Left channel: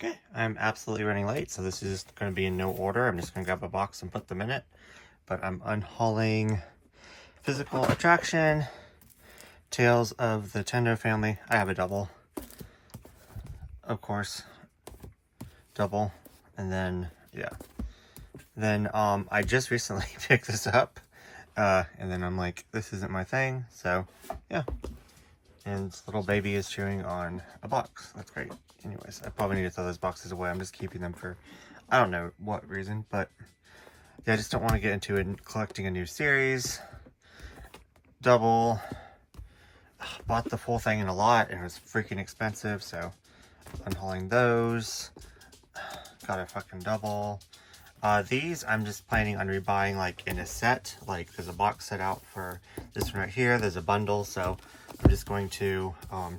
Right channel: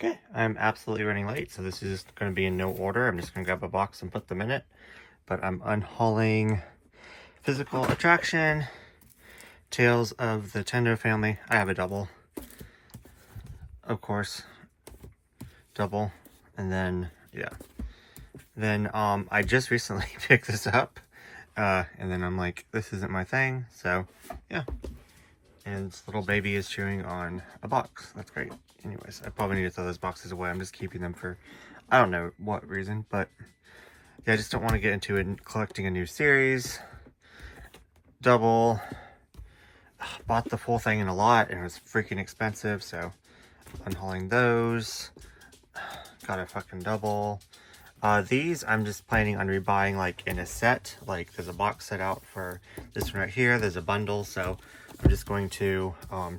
Okay, I'm absolutely running late, so this is going to be in no order. I'm just going to grab a box and put them in it. But I'm unhauling Physical Attraction, Tales of the Tender Family. I have a double, of course, double, and then, yeah. Then, I just recently picked this up, and then I'm like, this isn't my thing, so, yeah. And this little baby is chewing on a box. That's great. Anyways, I probably need to throw those boxes away. I'm just keeping them for, I don't know what reason, but yeah, I just don't want to get into collecting a new series. Double. Bought the full thing in a lot, and it was freaking expensive, so unhauling those. Got a fucking double. These I'm just planning on rebuying like in a set. Like there's a box set out for this one right here. There's a bundle, so I'm just going to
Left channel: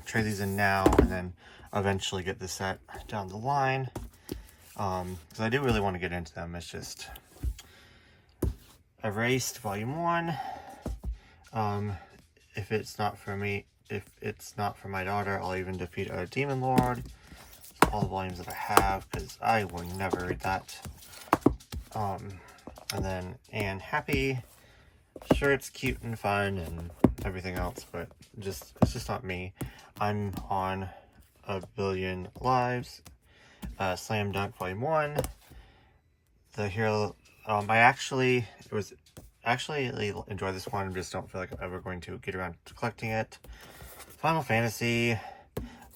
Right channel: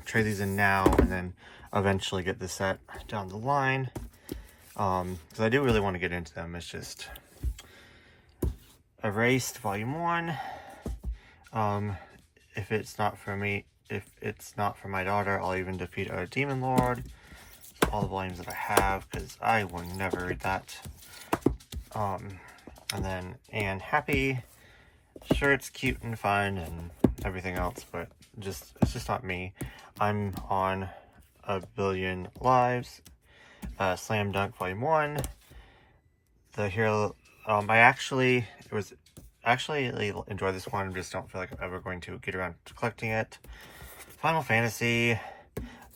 trade these in now and then eventually get the set down the line. Because I do really want to get into them. It's just Erased Volume 1. If it's not for me, if it's not for my daughter, I'll even defeat a demon lord. All the volumes that I have, because I will never read that. And then Anne Happy. Sure, it's cute and fun and everything else, but it's just not me. I'm on A Billion Lives. Slam Dunk Volume 1. The Hero. I actually enjoyed this one. I just don't feel like I'm ever going to get around to collecting it. Final Fantasy.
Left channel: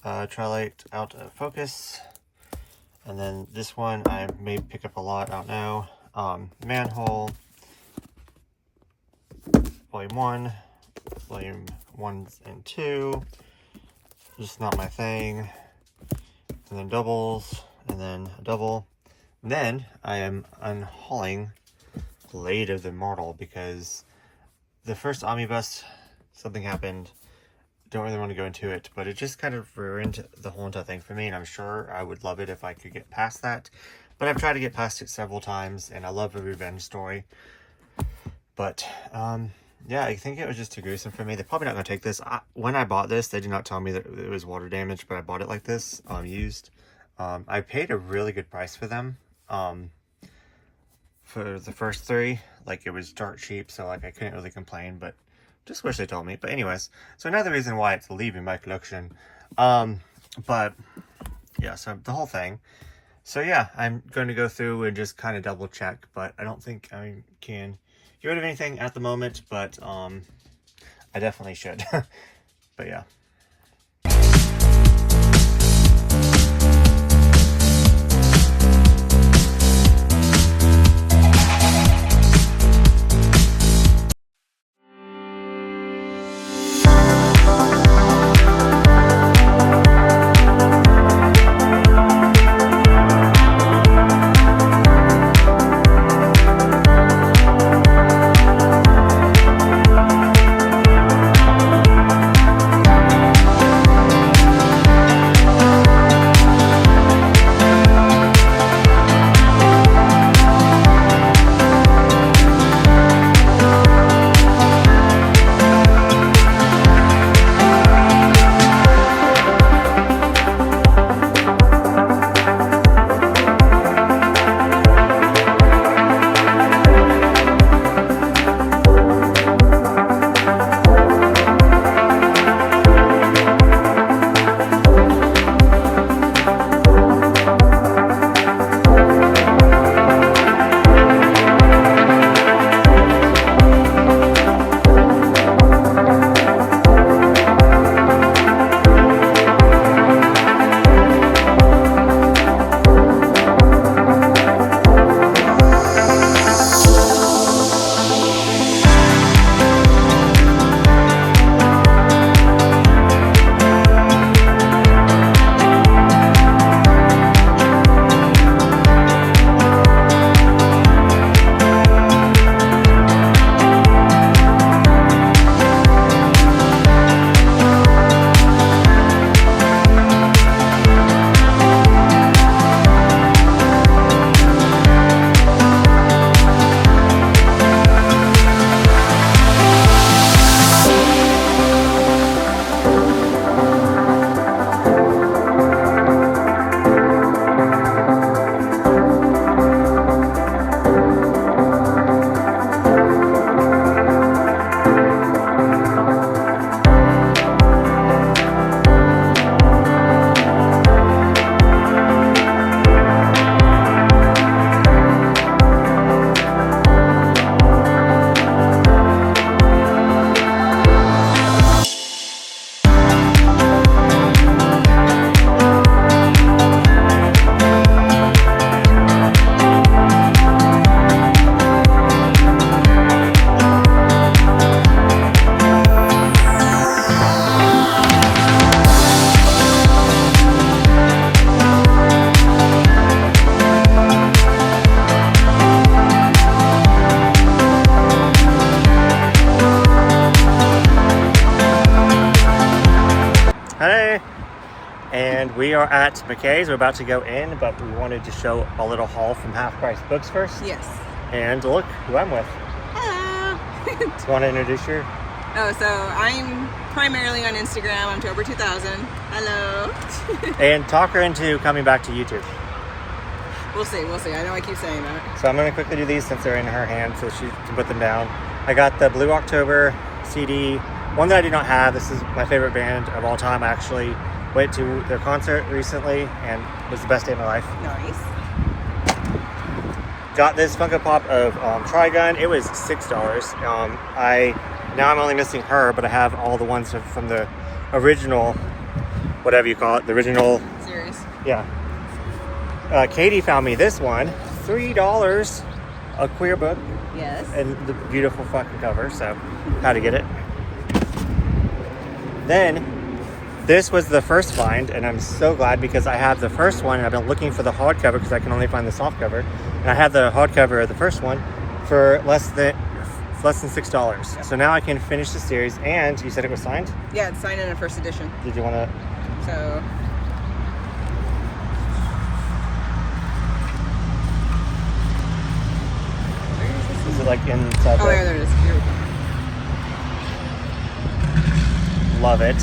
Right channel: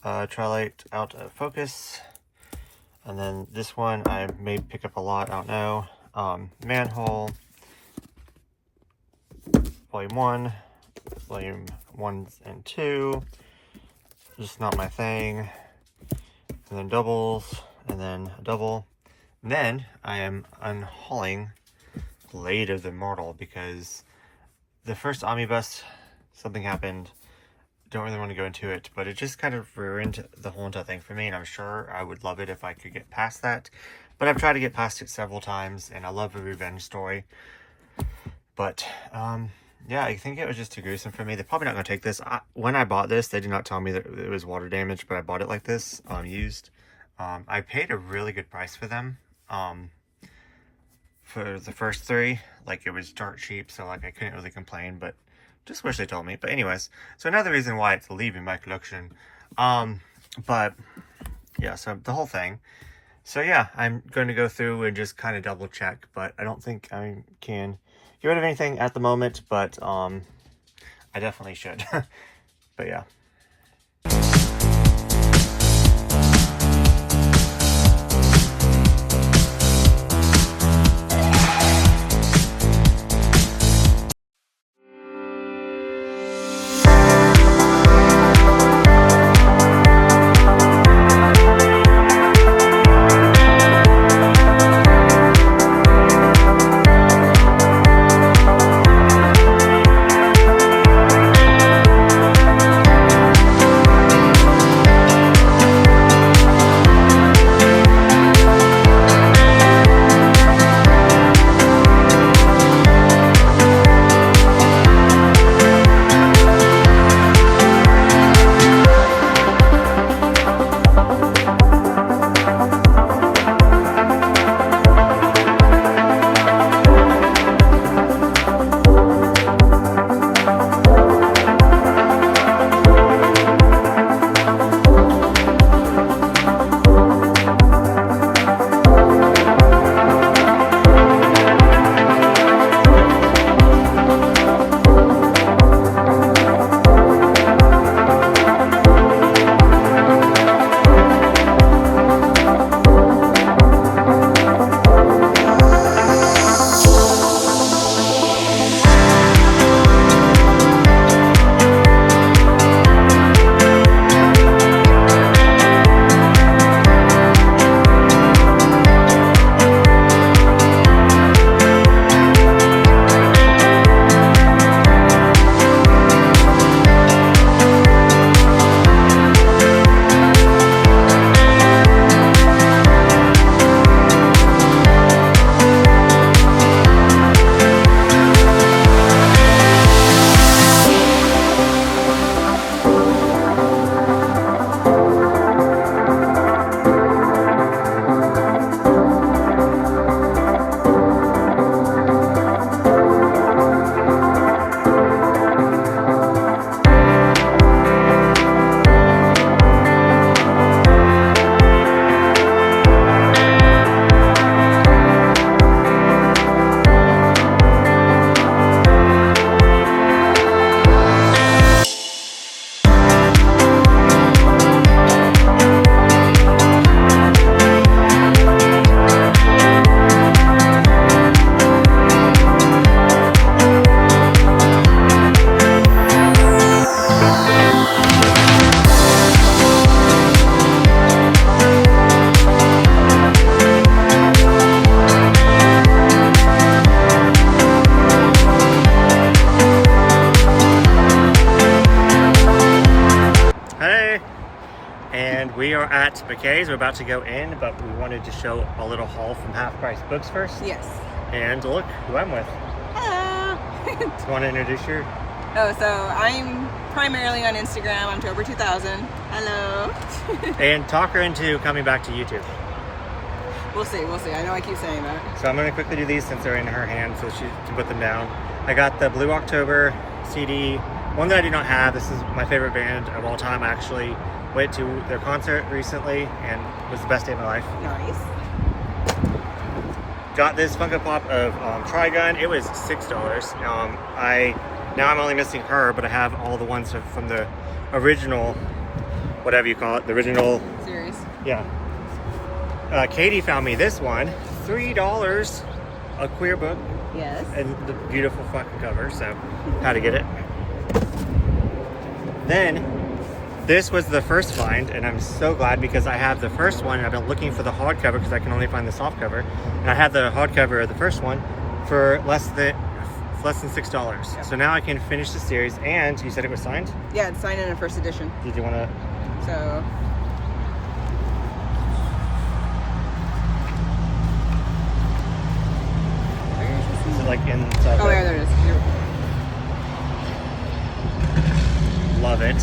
Twilight Out of Focus. And then this one I may pick up a lot, I don't know. Manhole. Volume 1. Volume 1 and 2. Just not my thing. And then doubles. And then a double. And then I am unhauling Blade of the Immortal because the first omnibus, something happened. Don't really want to go into it, but it just kind of ruined the whole entire thing for me, and I'm sure I would love it if I could get past that. But I've tried to get past it several times, and I love a revenge story. But, yeah, I think it was just too gruesome for me. They're probably not going to take this. When I bought this, they did not tell me that it was water damage, but I bought it like this, used. I paid a really good price for them. For the first 3, like it was dirt cheap, so like I couldn't really complain, but just wish they told me. But anyways, so another reason why it's leaving my collection. But yeah, so the whole thing. So yeah, I'm going to go through and just kind of double check, but I don't think I can get rid of anything at the moment, but I definitely should. But yeah. we are at McKay's. We're about to go in, but we wanted to show a little haul from Half Price Books first. Yes. And look who I'm with. Hello. You want to introduce your... Oh, so I'm primarily on Instagram. I'm Tober 2000. Hello. And talk her into coming back to YouTube. We'll see. I know I keep saying that. So I'm going to quickly do these since they're in her hand so she can put them down. I got the Blue October CD, one that I do not have. This is my favorite band of all time. I actually went to their concert recently and it was the best day of my life. Nice. Got this Funko Pop of Trigun. It was $6. Now I'm only missing her, but I have all the ones from the original, whatever you call it, the original Series. Yeah. Katie found me this one, $3, a queer book. Yes. And the beautiful fucking cover, so had to get it. Then this was the first find, and I'm so glad because I have the first one and I've been looking for the hardcover because I can only find the soft cover. And I had the hardcover of the first one for less than $6. Yep. So now I can finish the series. And you said it was signed? Yeah, it's signed in a first edition. Did you want to? So. Is it like inside? Oh, there it is. Beautiful. Love it.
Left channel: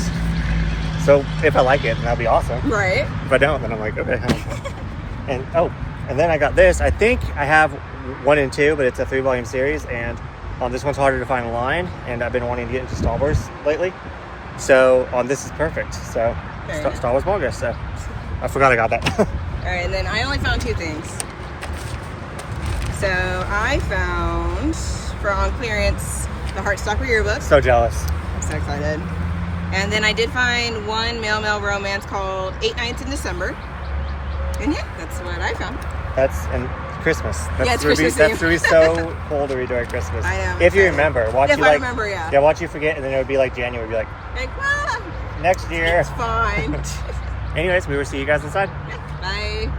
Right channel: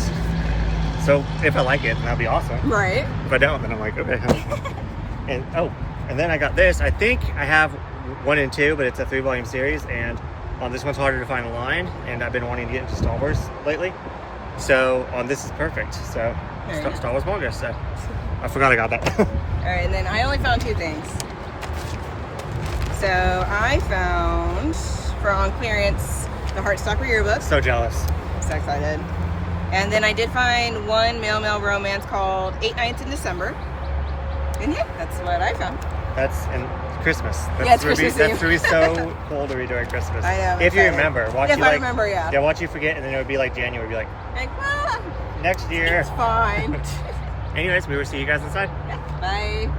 So if I like it, that'd be awesome. Right. If I don't, then I'm like, okay. And then I got this. I think I have 1 and 2, but it's a 3-volume series, and this one's harder to find online, and I've been wanting to get into Star Wars lately. So this is perfect. So Okay. Star Wars manga. So I forgot I got that. All right, and then I only found 2 things. So I found, on clearance, the Heartstopper yearbook. So jealous. I'm so excited. And then I did find one mail romance called 8 Nights in December. And yeah, that's what I found. That's in Christmas. That's Yeah, it's Christmas That's Eve. really so cool to read during Christmas. I know. If you remember, watch If you I like. remember, yeah. Yeah, watch you forget, and then it would be like January. Be like Well, next year. it's fine. Anyways, we will see you guys inside. Bye.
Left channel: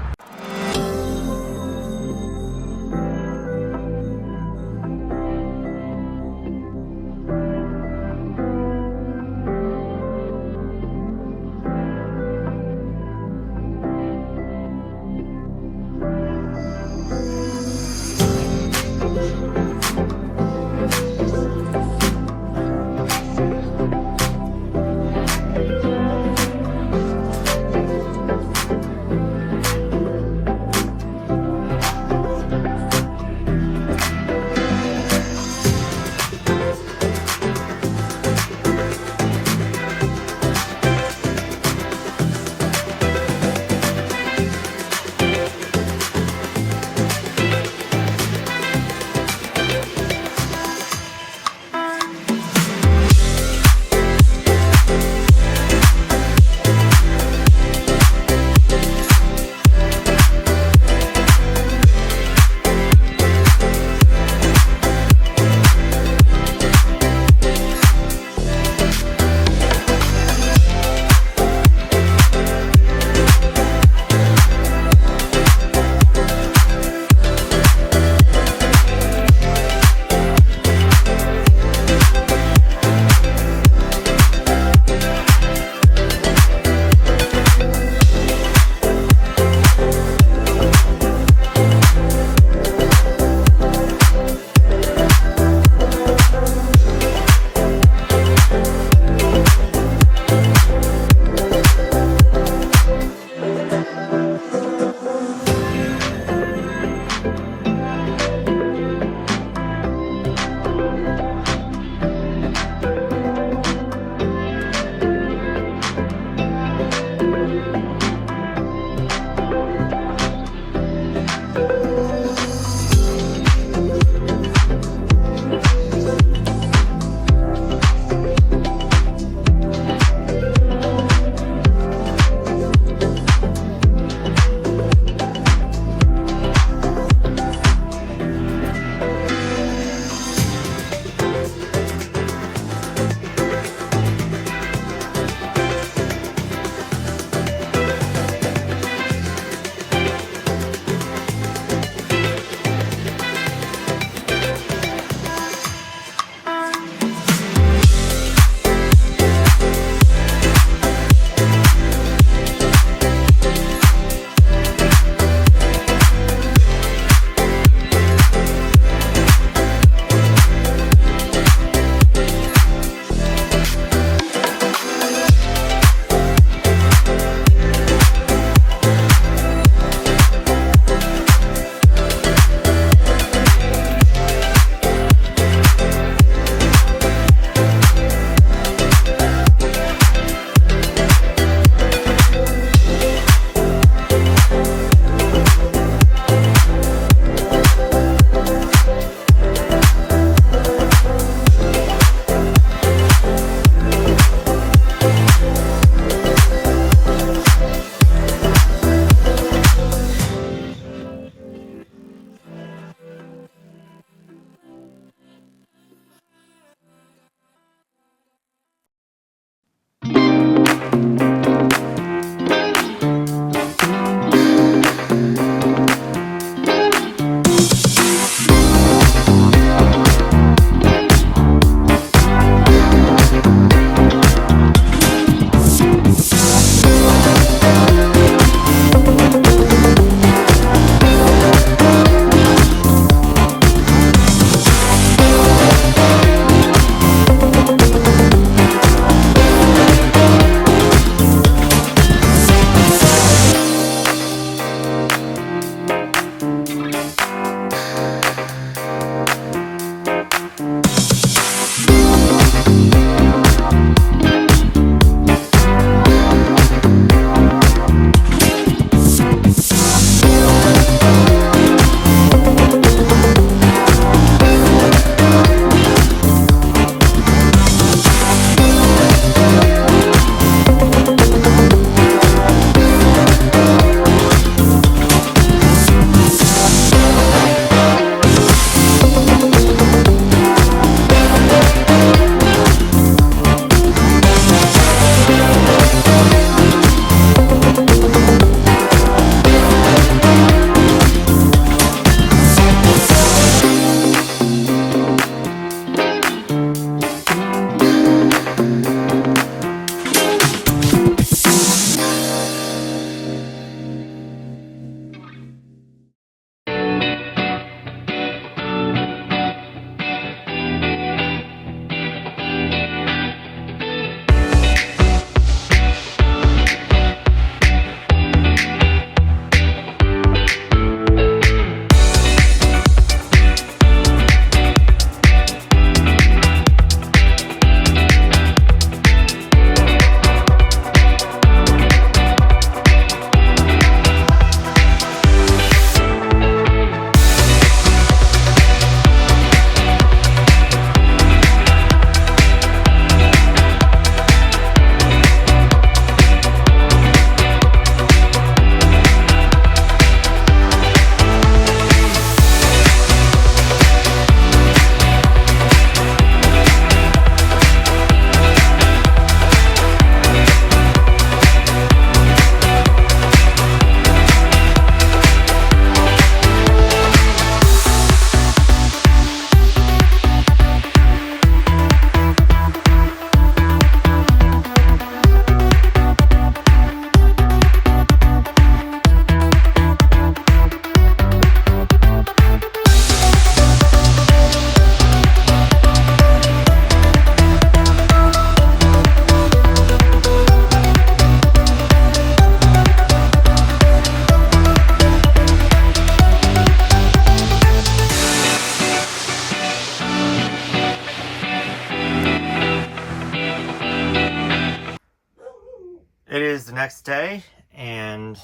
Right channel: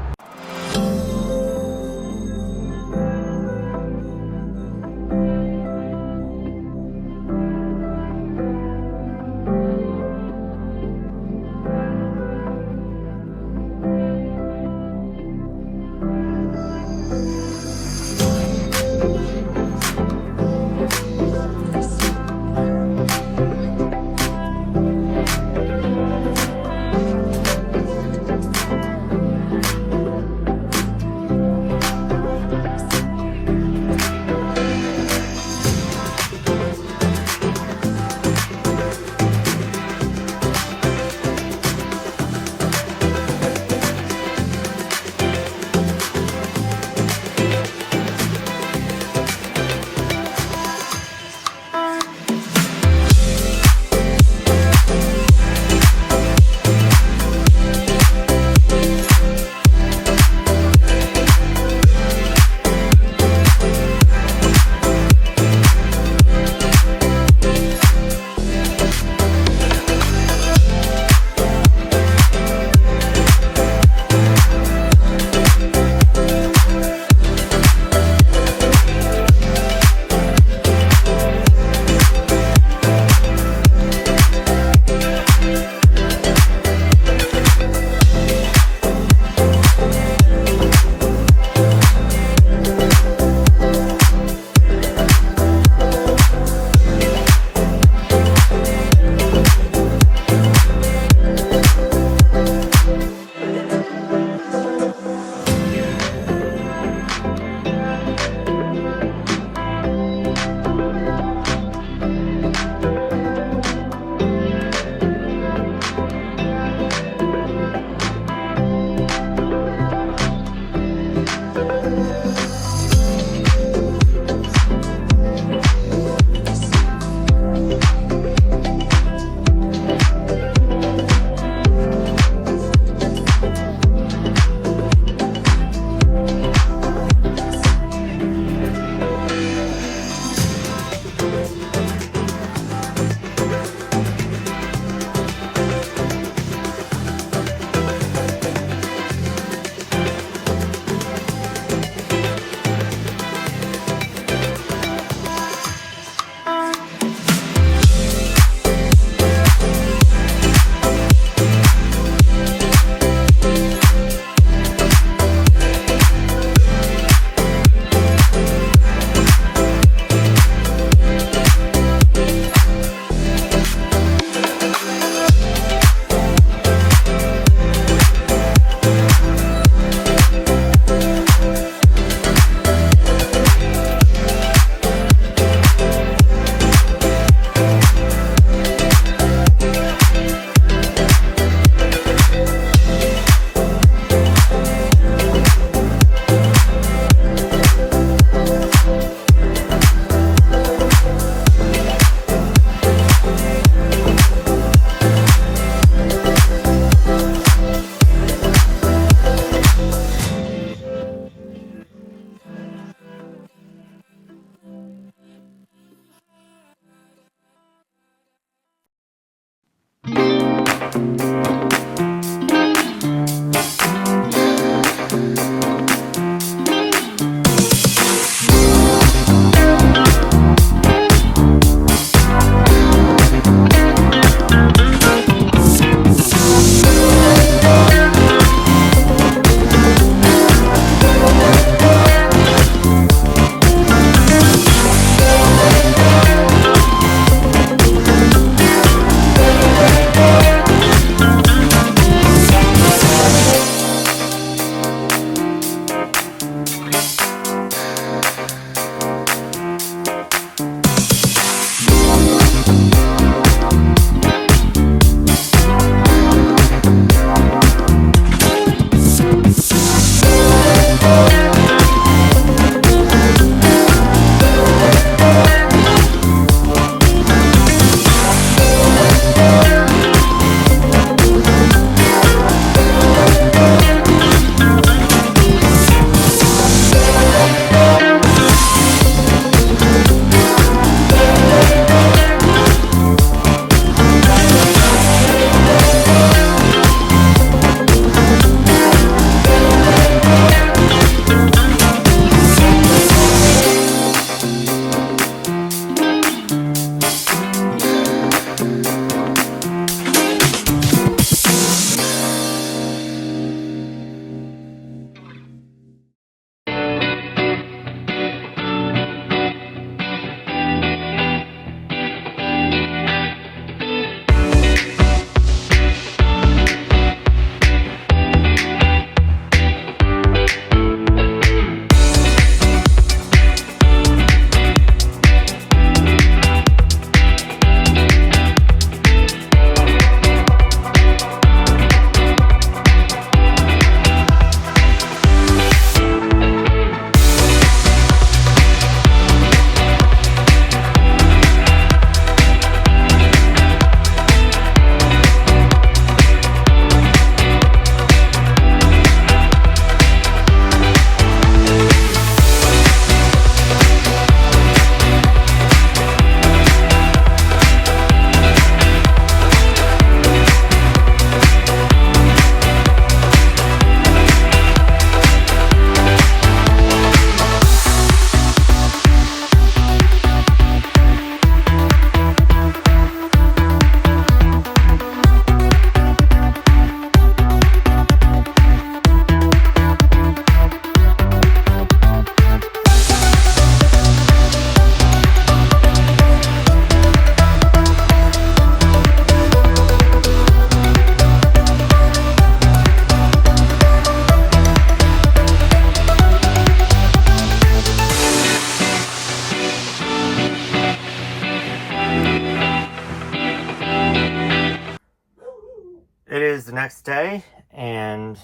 the next day, and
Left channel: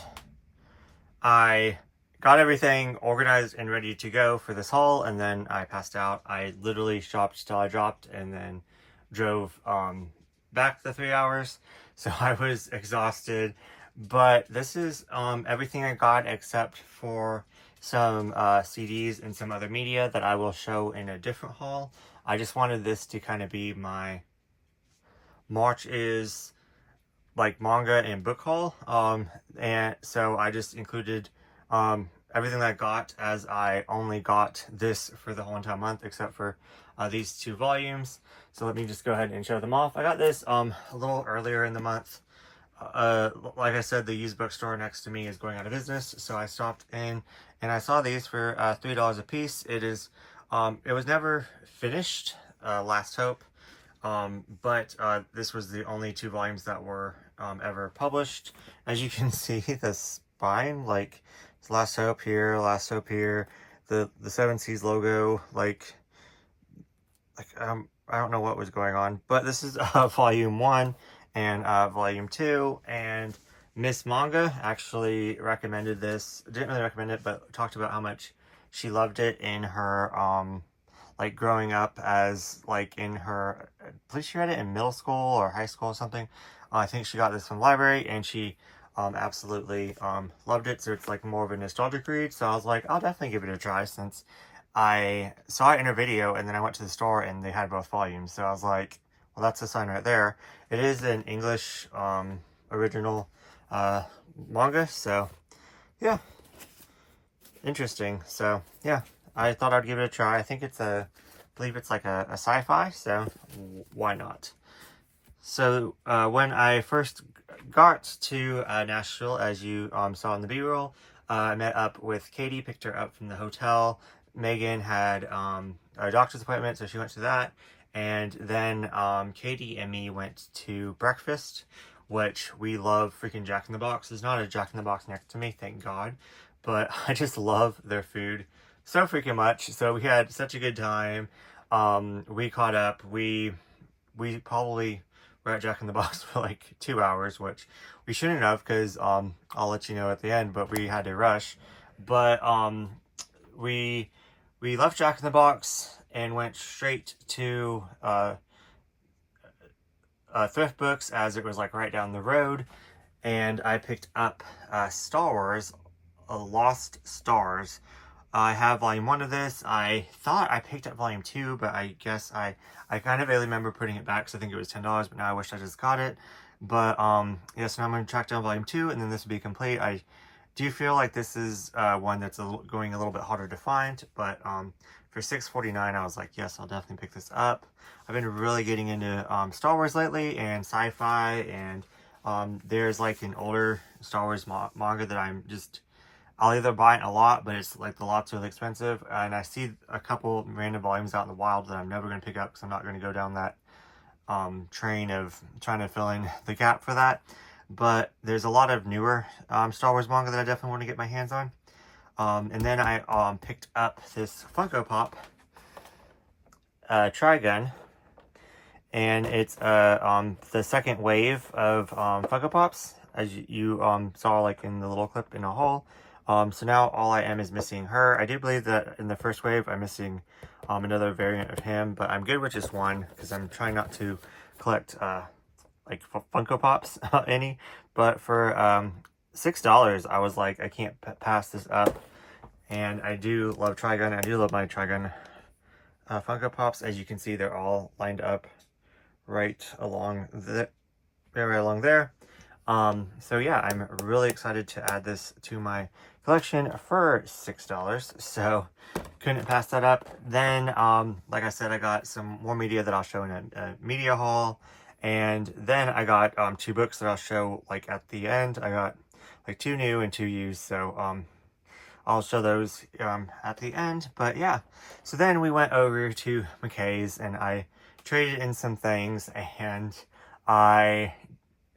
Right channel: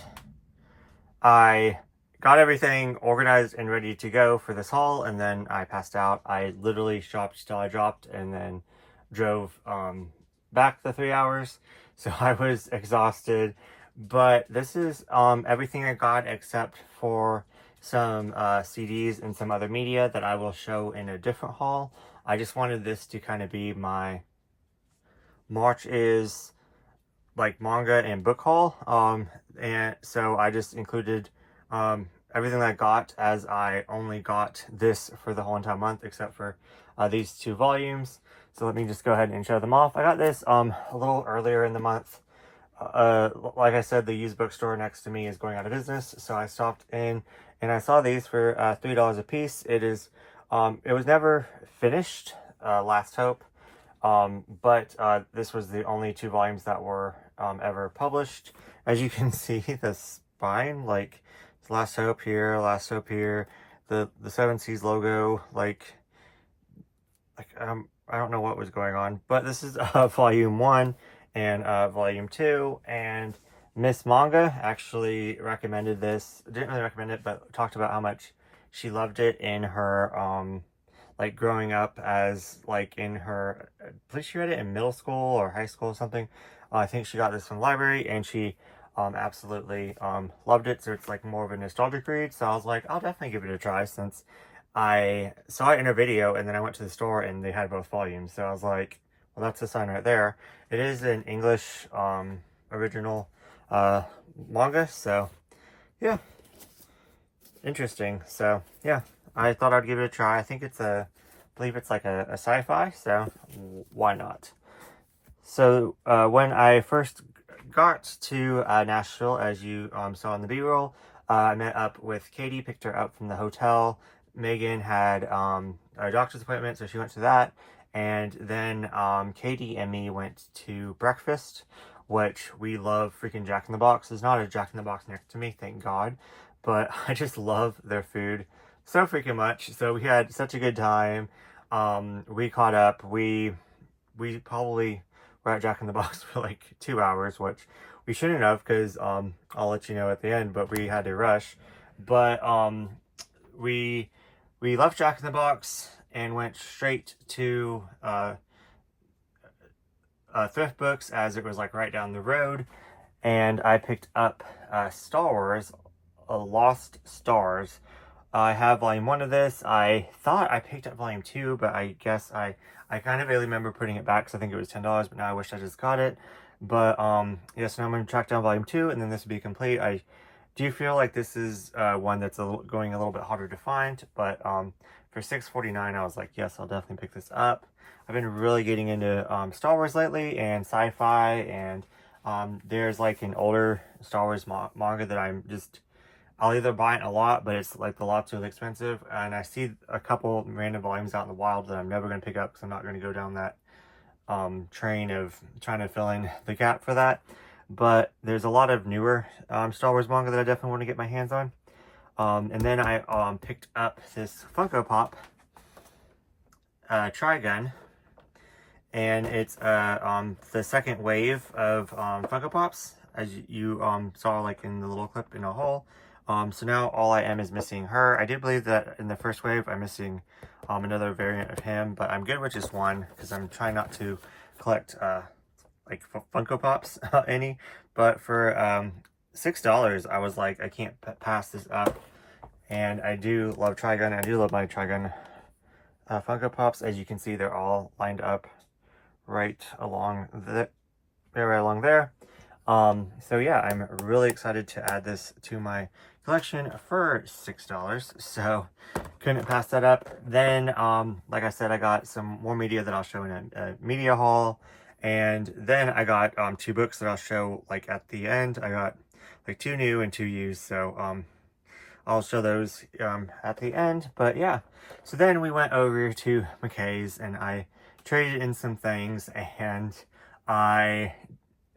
I got everything organized and ready to go for this haul, and then I passed out. I literally shopped till I dropped and then drove back the 3 hours. So I was exhausted. But this is everything I got except for some CDs and some other media that I will show in a different haul. I just wanted this to kind of be my March is like manga and book haul. And so I just included everything that I got, as I only got this for the whole entire month except for these 2 volumes. So let me just go ahead and show them off. I got this a little earlier in the month. Like I said, the used bookstore next to me is going out of business, so I stopped in and I saw these for $3 a piece. It was never finished, Last Hope, but this was the only 2 volumes that were ever published. As you can see, the spine, like, it's Last Hope here, the 7 Seas logo, like I don't know what was going on, but this is volume 1 and volume 2, and Miss Manga actually recommended this. Didn't really recommend it, but talked about how much she loved it in her like growing up, as like in her, I believe she read it in middle school or high school or something. I think she got this from the library, and she absolutely loved it. So it's like more of a nostalgic read. So I was like, I'll definitely give it a try, since I saw it in a video and then I went to the store and they had both volumes. So I was like, well, that's a sign right there. It is an English original manga, so yeah, interesting. So yeah, I thought I'd give it a try. I think it's I believe it's like a sci-fi, so why not? So when I first got to Nashville, as you saw in the B-roll, I met up with Katie, picked her up from the hotel. Megan had a doctor's appointment, so she went to that. And then Katie and me went to breakfast, which we love freaking Jack in the Box. There's not a Jack in the Box next to me, thank God. But I just love their food so freaking much. So we had such a good time. We caught up. We probably were at Jack in the Box for like 2 hours, which we shouldn't have, because I'll let you know at the end, but we had to rush. But we left Jack in the Box and went straight to thrift books, as it was like right down the road, and I picked up Star Wars, Lost Stars. I have volume 1 of this. I thought I picked up volume 2, but I guess I kind of vaguely remember putting it back, because I think it was $10, but now I wish I just got it. But yeah, so now I'm going to track down volume 2, and then this will be complete. I do feel like this is one that's going a little bit harder to find, but for $6.49, I was like, yes, I'll definitely pick this up. I've been really getting into Star Wars lately, and sci-fi, and there's like an older Star Wars manga that I'll either buy it a lot, but it's like the lot's really expensive, and I see a couple random volumes out in the wild that I'm never going to pick up, because I'm not going to go down that train of trying to fill in the gap for that. But there's a lot of newer Star Wars manga that I definitely want to get my hands on. And then I picked up this Funko Pop Trigun, and it's the second wave of Funko Pops, as you saw like in the little clip in a haul. So now all I am is missing her. I do believe that in the first wave I'm missing another variant of him, but I'm good with just one, because I'm trying not to collect like Funko Pops any. But for $6, I was like, I can't pass this up. And I do love Trigun. I do love my Trigun Funko Pops. As you can see, they're all lined up right along there. So yeah, I'm really excited to add this to my collection for $6. So couldn't pass that up. Then, like I said, I got some more media that I'll show in a media haul. And then I got 2 books that I'll show like at the end. I got like 2 new and 2 used. So I'll show those at the end. But yeah, so then we went over to McKay's and I traded in some things, and I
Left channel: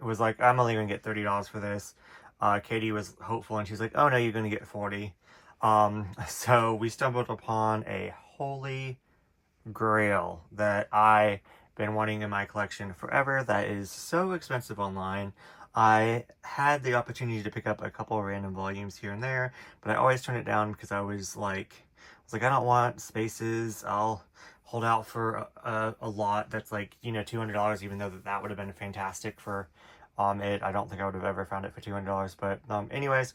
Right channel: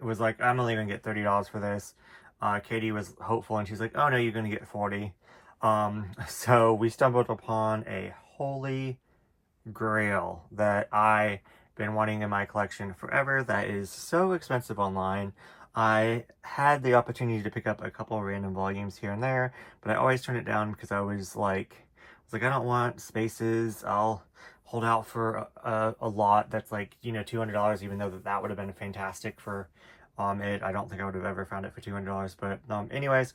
was like, I'm only gonna get $30 for this. Katie was hopeful, and she's like, oh no, you're gonna get 40. So we stumbled upon a holy grail that I've been wanting in my collection forever, that is so expensive online. I had the opportunity to pick up a couple of random volumes here and there, but I always turn it down because I was like, I don't want spaces. I'll hold out for a lot that's like, you know, $200, even though that would have been fantastic for it. I don't think I would have ever found it for $200, but anyways,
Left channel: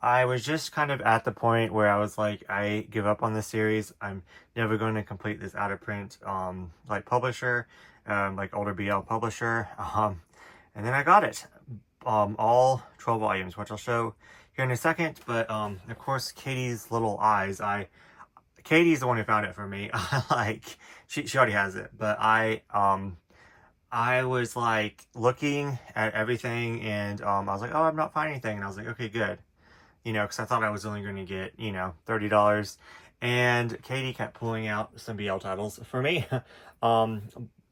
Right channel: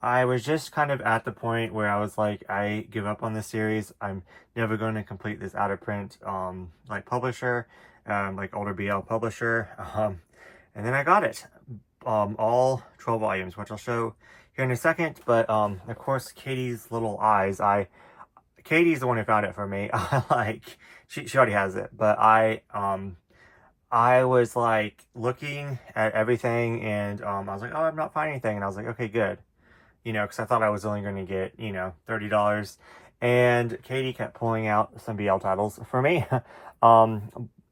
I was just kind of at the point where I was like, I give up on this series. I'm never going to complete this out of print like publisher, like older BL publisher. And then I got it, all 12 volumes, which I'll show here in a second. But of course, Katie's little eyes. Katie's the one who found it for me. She already has it, but I was like looking at everything, and I was like, oh, I'm not finding anything, and I was like, okay, good, you know, because I thought I was only going to get, you know, $30, and Katie kept pulling out some BL titles for me.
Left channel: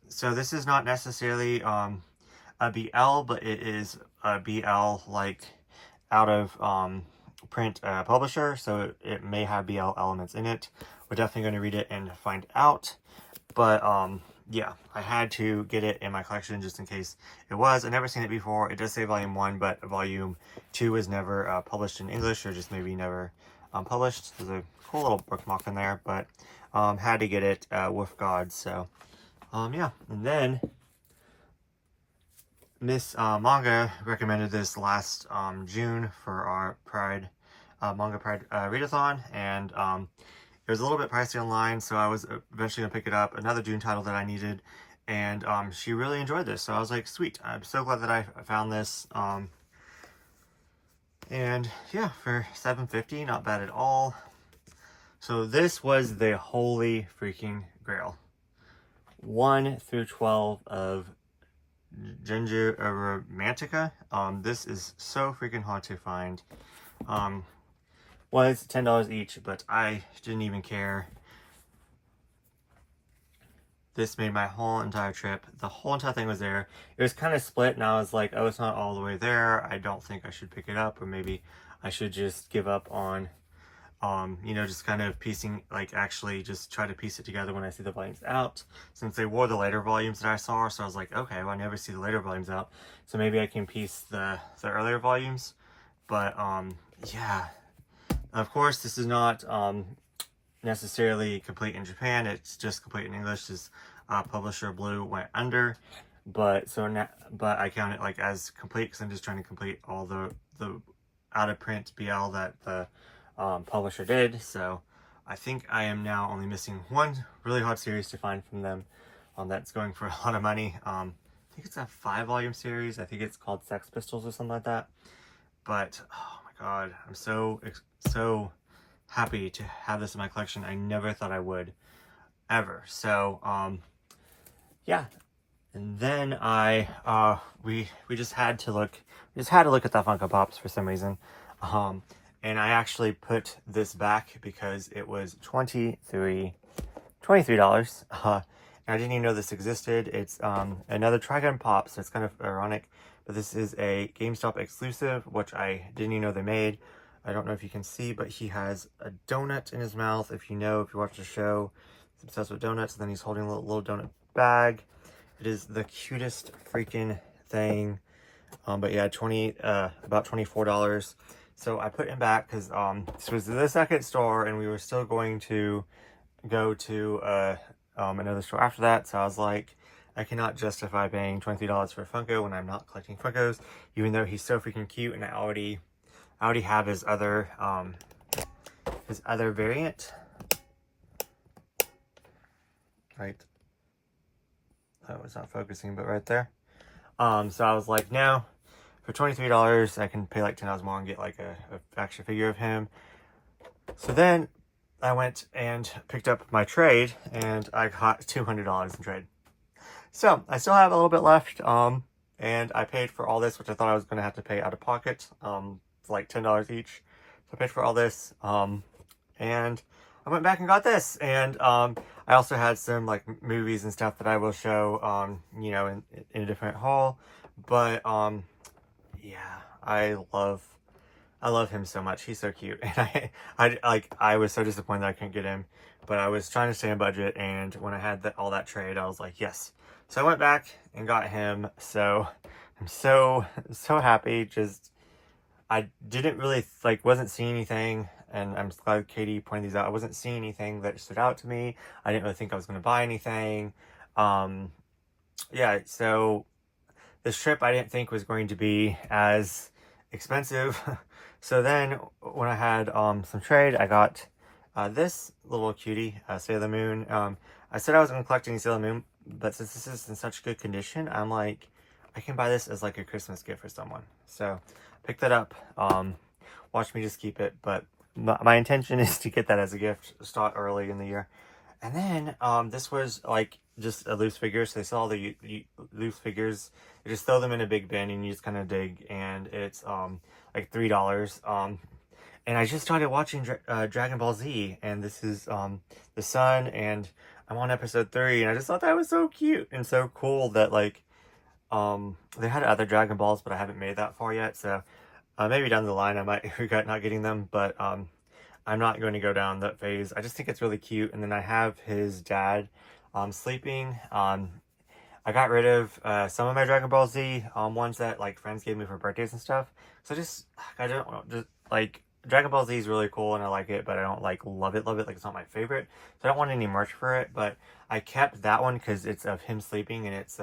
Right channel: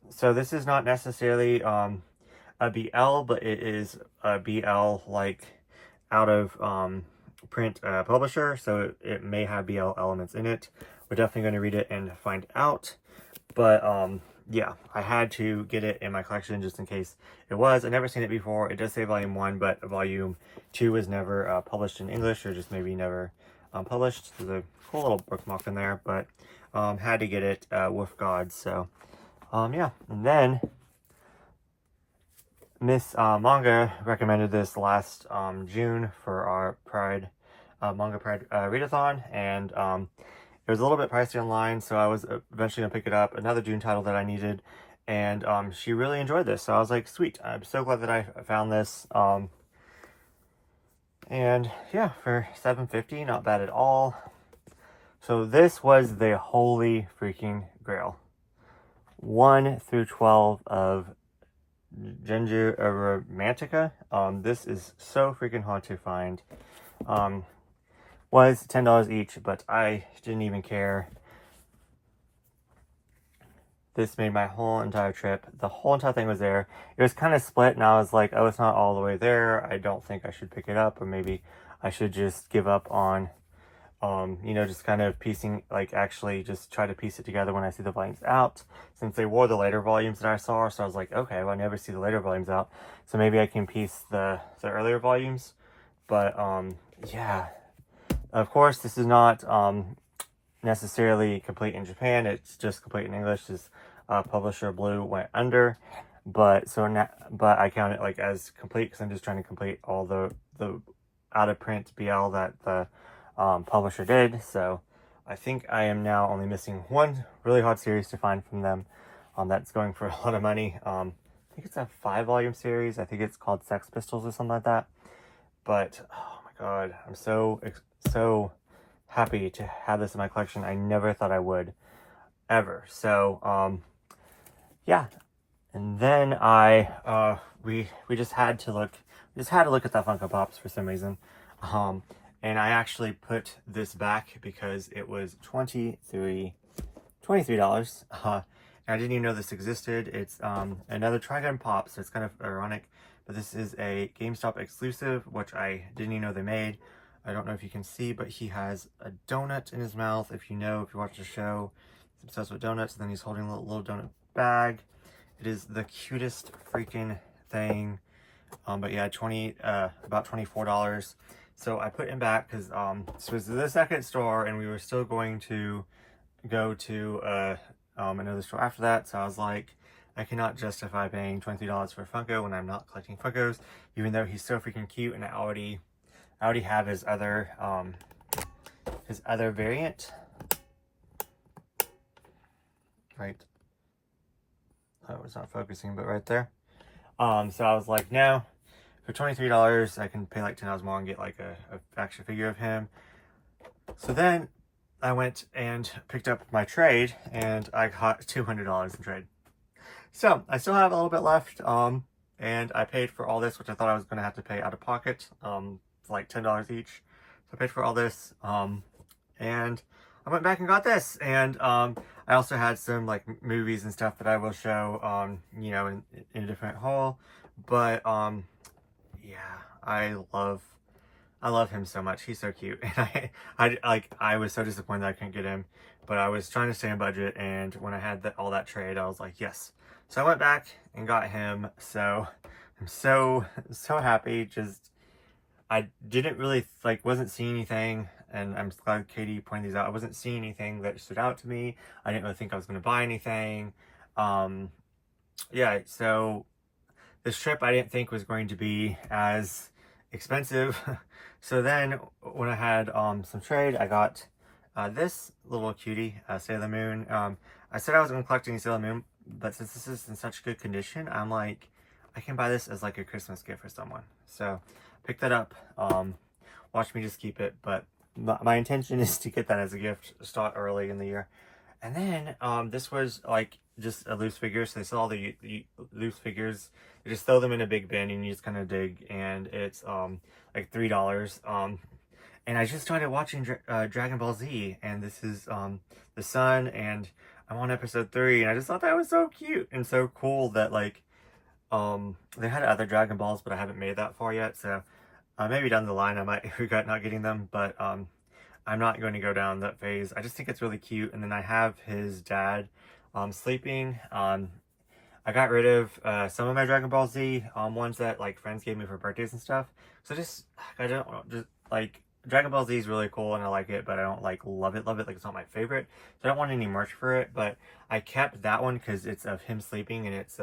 So this is not necessarily a BL, but it is a BL like out of print publisher, so it may have BL elements in it. We're definitely going to read it and find out, but yeah, I had to get it in my collection just in case it was. I've never seen it before. It does say volume 1, but volume 2 was never published in English, or just maybe never published. There's a cool little bookmark in there, but had to get it with God. So yeah, and then Miss Manga recommended this last June for our Pride Manga Pride readathon, and it was a little bit pricey online, so I was eventually gonna pick it up. Another June title that I needed, and she really enjoyed this, so I was like, sweet. I'm so glad that I found this. And yeah, for $7.50, not bad at all. So this was the holy freaking grail. 1 through 12 of Genju Romantica. This is so freaking hard to find. Was $10 each, but I didn't even care. This made my whole entire trip. The whole entire thing was there. It was kind of split, and I was like, oh, it's not all the way there. I don't think I should pick it up, or maybe I should just give up on, you know, just kind of piecing, like actually just try to piece it together when I see the volumes out, since they were the later volumes that I saw. So I was like, okay, well, I never see the later volumes out, so maybe I can piece the earlier volumes. But yeah, of course, this is not necessarily complete in Japan. It's just complete in English. This publisher Blue went under, but but I count it like as complete because I'm just trying to complete all the out of print BL that the publisher did. So I think I am now only missing one really hard series to find from them. That's going for a lot of money. I think it's a 5-volume series. I think it's called Sex Pistols or something like that. But oh my god, I'm so happy to have this in my collection. I never thought I would ever. So yeah, and then we just had to look at the Funko Pops for some reason, and I actually put this back because it was $23. And I didn't even know this existed. It's another Trigun Pop, so it's kind of ironic, but this is a GameStop exclusive, which I didn't even know they made. I don't know if you can see, but he has a donut in his mouth. If you watch the show, he's obsessed with donuts. And then he's holding a little donut bag. It is the cutest freaking thing. But yeah, about $24. So I put him back because this was the second store, and we were still going to go to another store after that. So I was like, I cannot justify paying $23 for a Funko when I'm not collecting Funkos, even though he's so freaking cute, and I already have his other variant. Right. That was not focusing, but right there. So I was like, no, for $23, I can pay like $10 more and get like a action figure of him. So then I went and picked up my trade, and I got $200 in trade. So I still have a little bit left, and I paid for all this, which I thought I was going to have to pay out of pocket. Like $10 each. So I paid for all this, and I went back and got this, and I also had some like movies and stuff that I will show, you know, in a different haul. But yeah, I love him so much. He's so cute, and I was so disappointed that I couldn't get him, but I was trying to stay on budget, and when I had all that trade, I was like, yes. So I went back and got him. So I'm so happy. Just I didn't really wasn't seeing anything, and I'm glad Katie pointed these out. I wasn't seeing anything that stood out to me. I didn't really think I was going to buy anything. Yeah, so this trip I didn't think was going to be as expensive. So then when I had some trade, I got this little cutie, Sailor Moon. I said I was going to collect any Sailor Moon, but since this is in such good condition, I'm like, I can buy this as like a Christmas gift for someone. So pick that up. Watch me just keep it, but my intention is to get that as a gift, start early in the year. And then this was like just a loose figure, so they sell all the loose figures. You just throw them in a big bin and you just kind of dig, and it's like $3. And I just started watching Dragon Ball Z, and this is the son, and I'm on episode 3, and I just thought that was so cute and so cool that like they had other Dragon Balls, but I haven't made that far yet, so maybe down the line I might regret not getting them, but I'm not going to go down that phase. I just think it's really cute. And then I have his dad sleeping. I got rid of some of my Dragon Ball Z ones that like friends gave me for birthdays and stuff. So I don't just like Dragon Ball Z is really cool and I like it, but I don't like love it. Like it's not my favorite. So I don't want any merch for it. But I kept that one because it's of him sleeping, and it's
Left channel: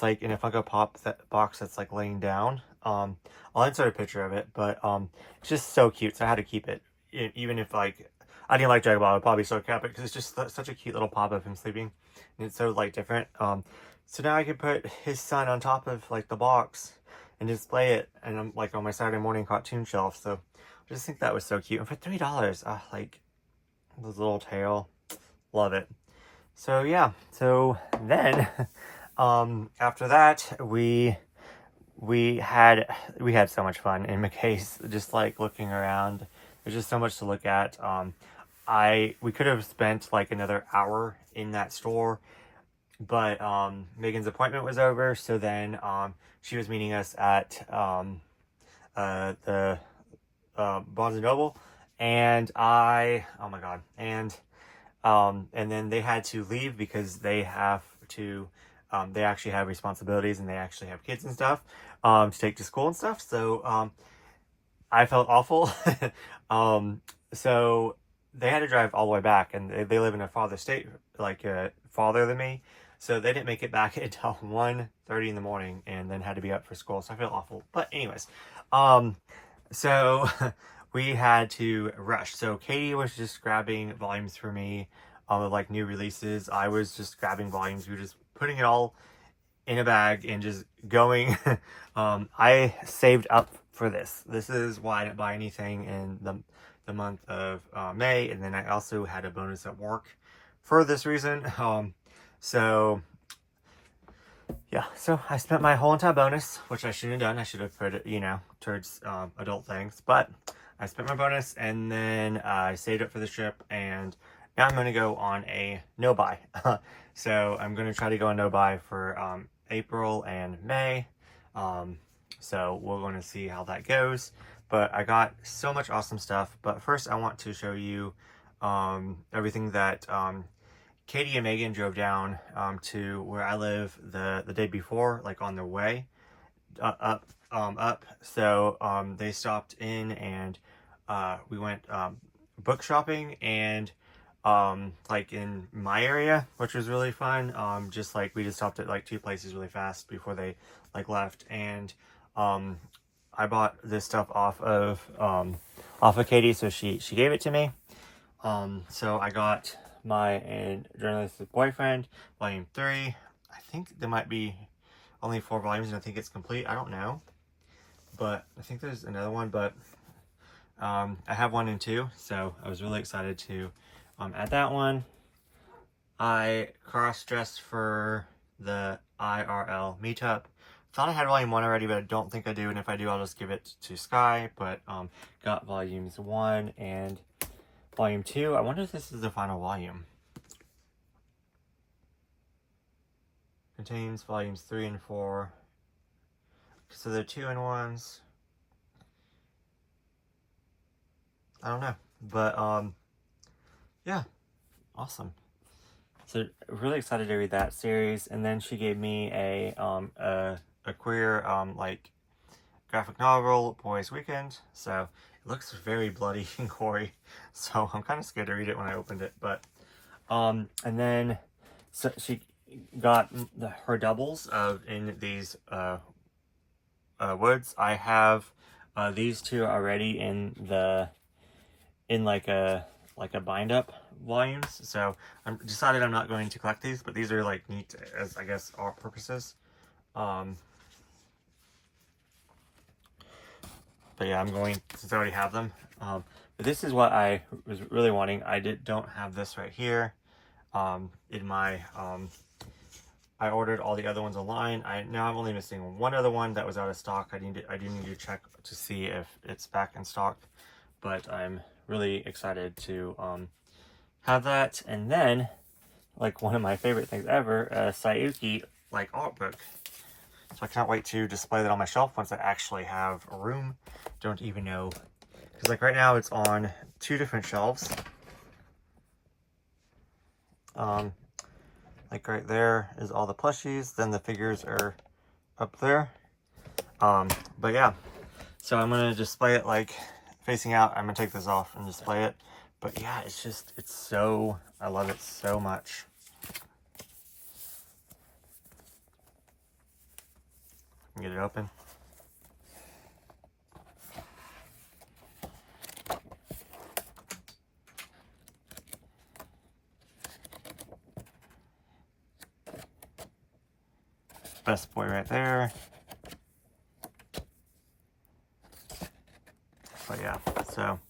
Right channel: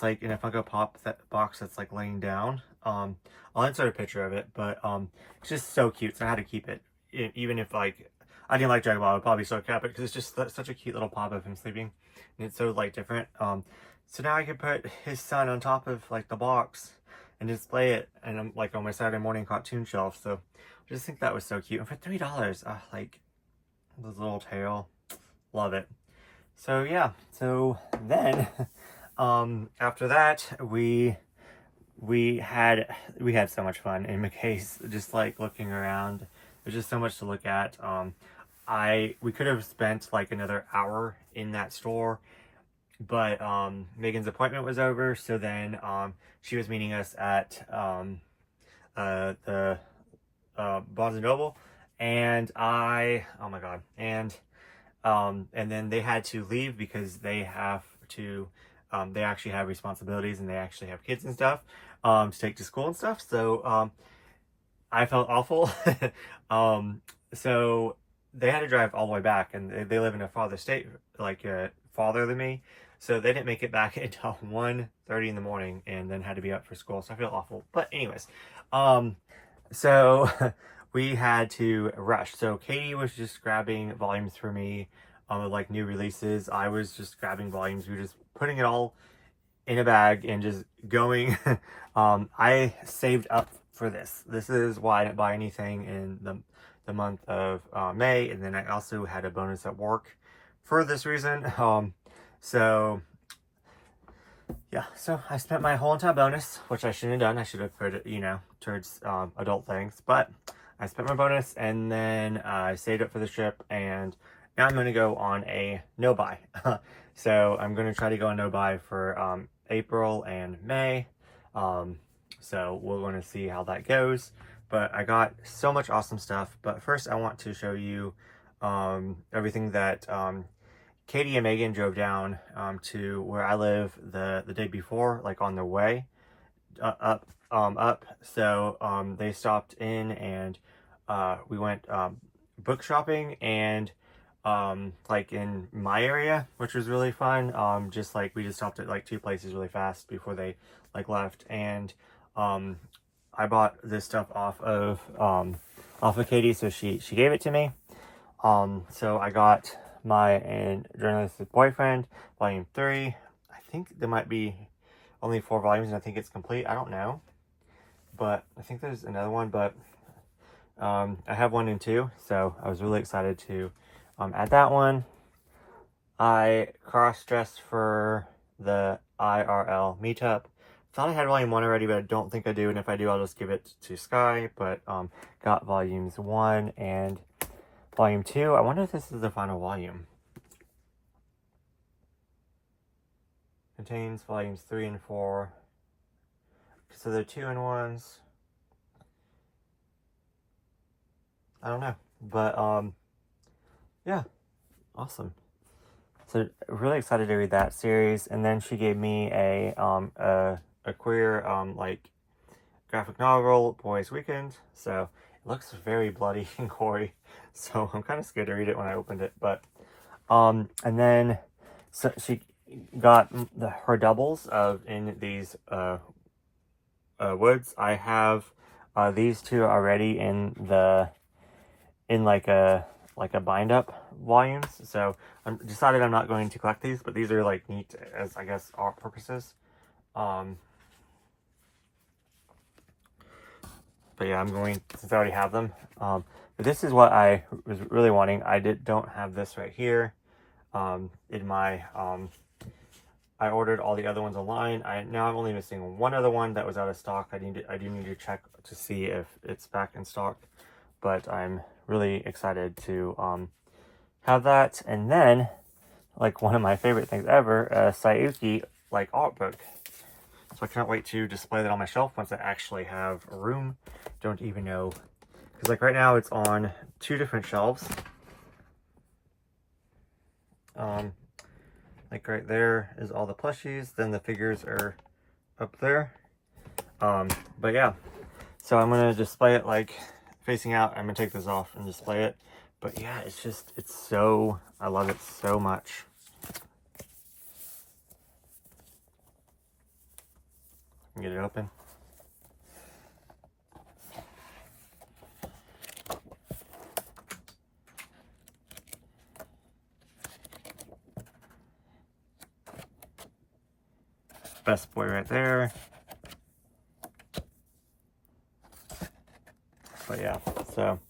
like in a Funko Pop box that's like laying down. I'll insert a picture of it, but it's just so cute. So I had to keep it. Even if like I didn't like Dragon Ball, I would probably still kept it because it's just such a cute little pop of him sleeping, and it's so like different. So now I can put his son on top of like the box and display it, and I'm like on my Saturday morning cartoon shelf. So I just think that was so cute. And for $3, like this little tail, love it. So yeah. So then after that we had so much fun in McKay's, just like looking around. There's just so much to look at. We could have spent like another hour in that store, but Megan's appointment was over, so then she was meeting us at the Barnes and Noble, and oh my god, and then they had to leave because they have to they actually have responsibilities and they actually have kids and stuff to take to school and stuff. So I felt awful. So they had to drive all the way back, and they live in a farther state, like farther than me. So they didn't make it back until 1:30 in the morning, and then had to be up for school. So I feel awful. But anyways, so we had to rush. So Katie was just grabbing volumes for me, of like new releases. I was just grabbing volumes. We were just putting it all in a bag and just going. I saved up for this. This is why I didn't buy anything in the month of May, and then I also had a bonus at work for this reason. So yeah, so I spent my whole entire bonus, which I shouldn't have done. I should have put it, towards adult things, but I spent my bonus, and then I saved up for the trip, and now I'm going to go on a no buy. So I'm going to try to go on no buy for April and May. So we're going to see how that goes. But I got so much awesome stuff. But first I want to show you everything that Katie and Megan drove down to where I live the day before, like on their way up. So they stopped in, and we went book shopping, and like in my area, which was really fun. Just like we just stopped at like 2 places really fast before they like left, and I bought this stuff off of Katie, so she gave it to me. So I got my Journalistic Boyfriend, Volume 3. I think there might be only 4 volumes, and I think it's complete. I don't know, but I think there's another one, but I have 1 and 2, so I was really excited to add that one. I cross-dressed for the IRL meetup. Thought I had volume 1 already, but I don't think I do, and if I do, I'll just give it to Sky. But got volumes 1 and volume 2. I wonder if this is the final volume. Contains volumes 3 and 4. So they're 2-in-1s. I don't know, but yeah, awesome. So really excited to read that series. And then she gave me a a queer like graphic novel, Boys Weekend. So it looks very bloody and gory. So I'm kind of scared to read it when I opened it. But and then so she got her doubles of in these woods. I have these two already in like a bind up volumes. So I'm decided I'm not going to collect these, but these are like neat as I guess art purposes. But yeah, I'm going, since I already have them. But this is what I was really wanting. I don't have this right here. In my I ordered all the other ones online. Now I'm only missing one other one that was out of stock. I do need to check to see if it's back in stock. But I'm really excited to have that. And then, like one of my favorite things ever, a Sayuki like art book. So I can't wait to display that on my shelf once I actually have a room. Don't even know, because like right now it's on 2 different shelves. Like right there is all the plushies, then the figures are up there. But yeah, so I'm gonna display it like facing out. I'm gonna take this off and display it. But yeah, it's so, I love it so much. Get it open. Best boy right there. But yeah, so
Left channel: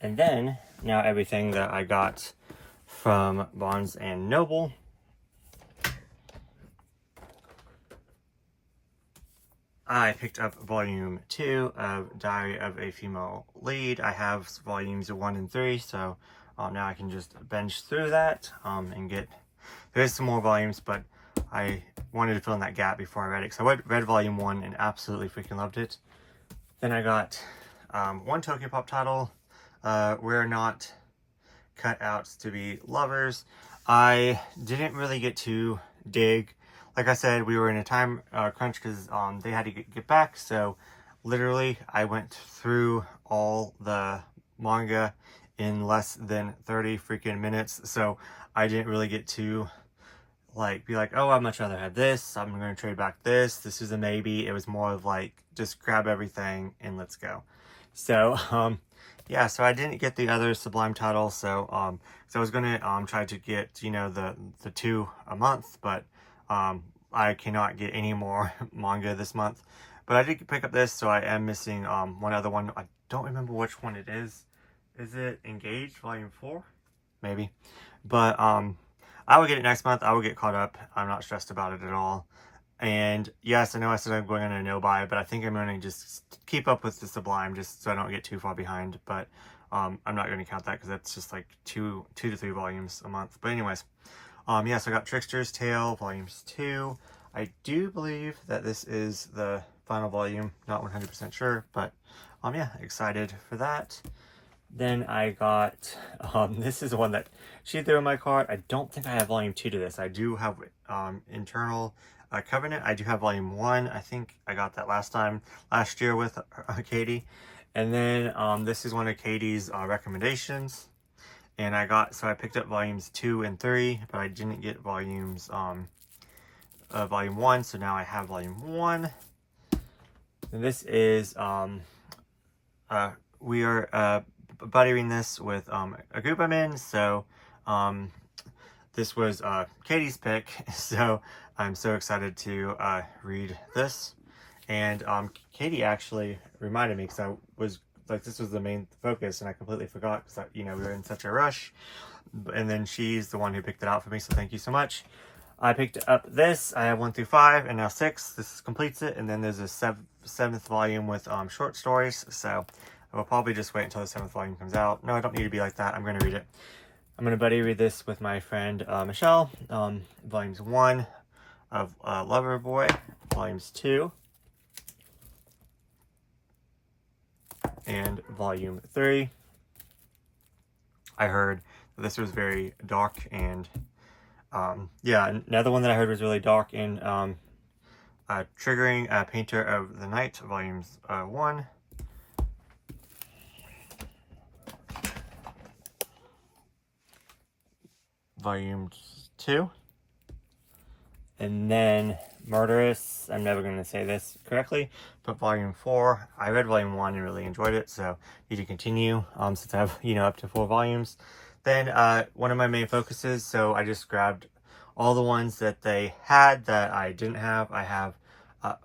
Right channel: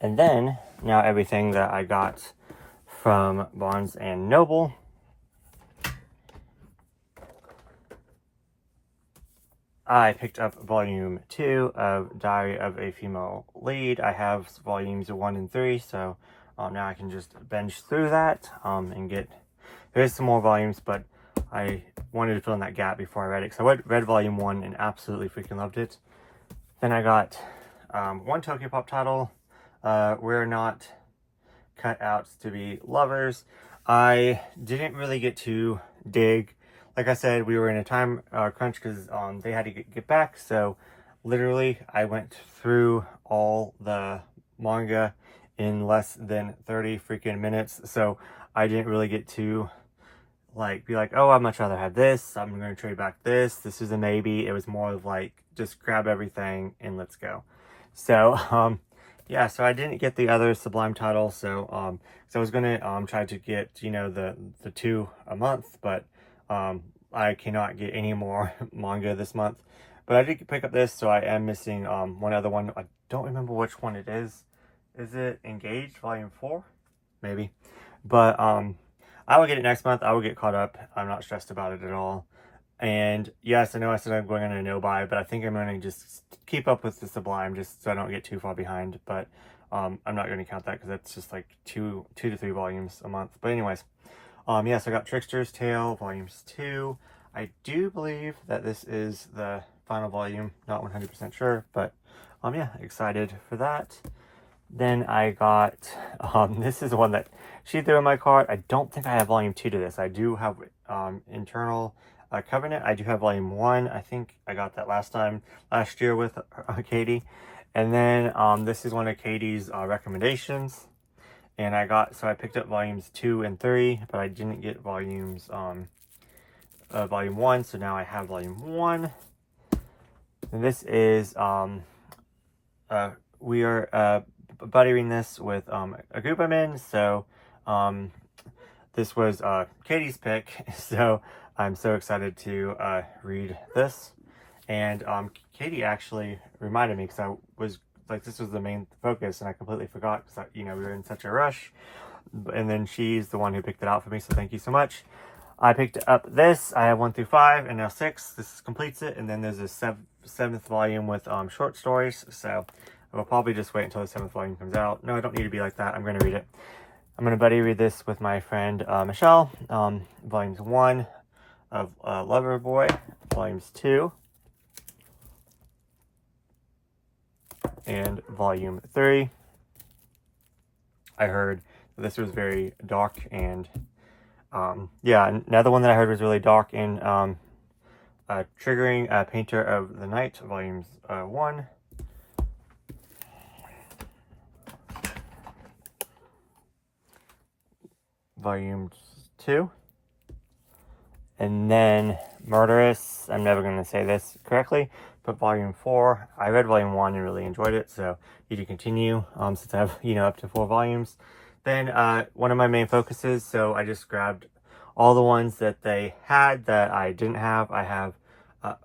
and then now everything that I got from Barnes and Noble. I picked up volume 2 of Diary of a Female Lead. I have volumes 1 and 3, so now I can just binge through that and get, there's some more volumes, but I wanted to fill in that gap before I read it. So I read volume 1 and absolutely freaking loved it. Then I got one Tokyopop title, We're Not Cut Out to Be Lovers. I didn't really get to dig. Like I said, we were in a time crunch because they had to get back. So literally, I went through all the manga in less than 30 freaking minutes. So I didn't really get to like be like, oh, I'd much rather have this. I'm going to trade back this. This is a maybe. It was more of like, just grab everything and let's go. So, yeah, so I didn't get the other Sublime title. So, I was going to try to get, you know, the 2 a month, but I cannot get any more manga this month. But I did pick up this, so I am missing one other one. I don't remember which one it is. Is it Engaged Volume 4? Maybe. But I will get it next month. I will get caught up. I'm not stressed about it at all. And yes, I know I said I'm going on a no-buy, but I think I'm going to just keep up with the Sublime just so I don't get too far behind. But I'm not going to count that because that's just like 2 to 3 volumes a month. But anyways. Yes, I got Trickster's Tale, Volumes 2. I do believe that this is the final volume. Not 100% sure, but yeah, excited for that. Then I got, this is the one that she threw in my cart. I don't think I have Volume 2 to this. I do have Internal Covenant. I do have Volume 1. I think I got that last year with Katie. And then this is one of Katie's recommendations. And I picked up volumes 2 and 3, but I didn't get volumes, volume 1, so now I have volume 1. And this is, we are buttering this with a group I'm in, so this was Katie's pick, so I'm so excited to read this. And Katie actually reminded me, because I was like, this was the main focus and I completely forgot because, you know, we were in such a rush. And then she's the one who picked it out for me, so thank you so much. I picked up this. I have 1 through 5 and now 6. This completes it. And then there's a 7th volume with short stories. So I will probably just wait until the 7th volume comes out. No, I don't need to be like that. I'm going to read it. I'm going to buddy read this with my friend Michelle. Volumes 1 of Lover Boy. Volumes 2. And volume 3. I heard that this was very dark, and yeah, another one that I heard was really dark in Triggering Painter of the Night, volumes 1. Volume 2. And then Murderous, I'm never going to say this correctly, but volume 4. I read volume 1 and really enjoyed it, so need to continue since I have, up to 4 volumes. Then one of my main focuses, so I just grabbed all the ones that they had that I didn't have. I have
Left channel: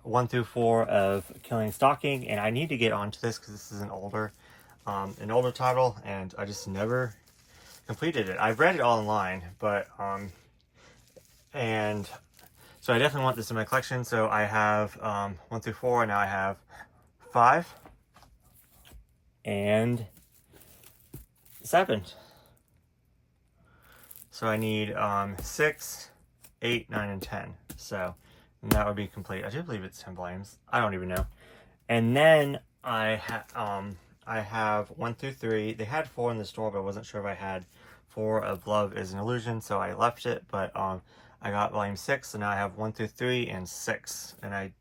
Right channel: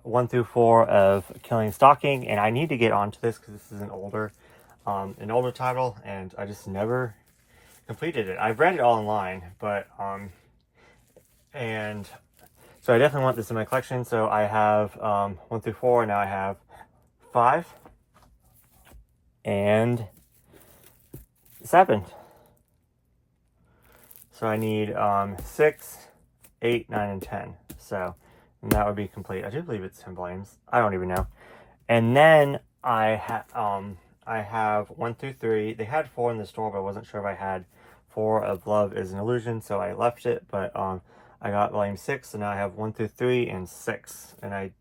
1 through 4 of Killing Stalking, and I need to get onto this because this is an older title, and I just never completed it. I've read it all online, but and so I definitely want this in my collection. So I have 1 through 4, and now I have 5 and 7. So I need 6, 8, 9, and 10. So and that would be complete. I do believe it's 10 volumes. I don't even know. And then I have 1 through 3. They had 4 in the store, but I wasn't sure if I had 4 of Love is an Illusion, so I left it. But I got volume 6, so now I have 1 through 3 and 6. And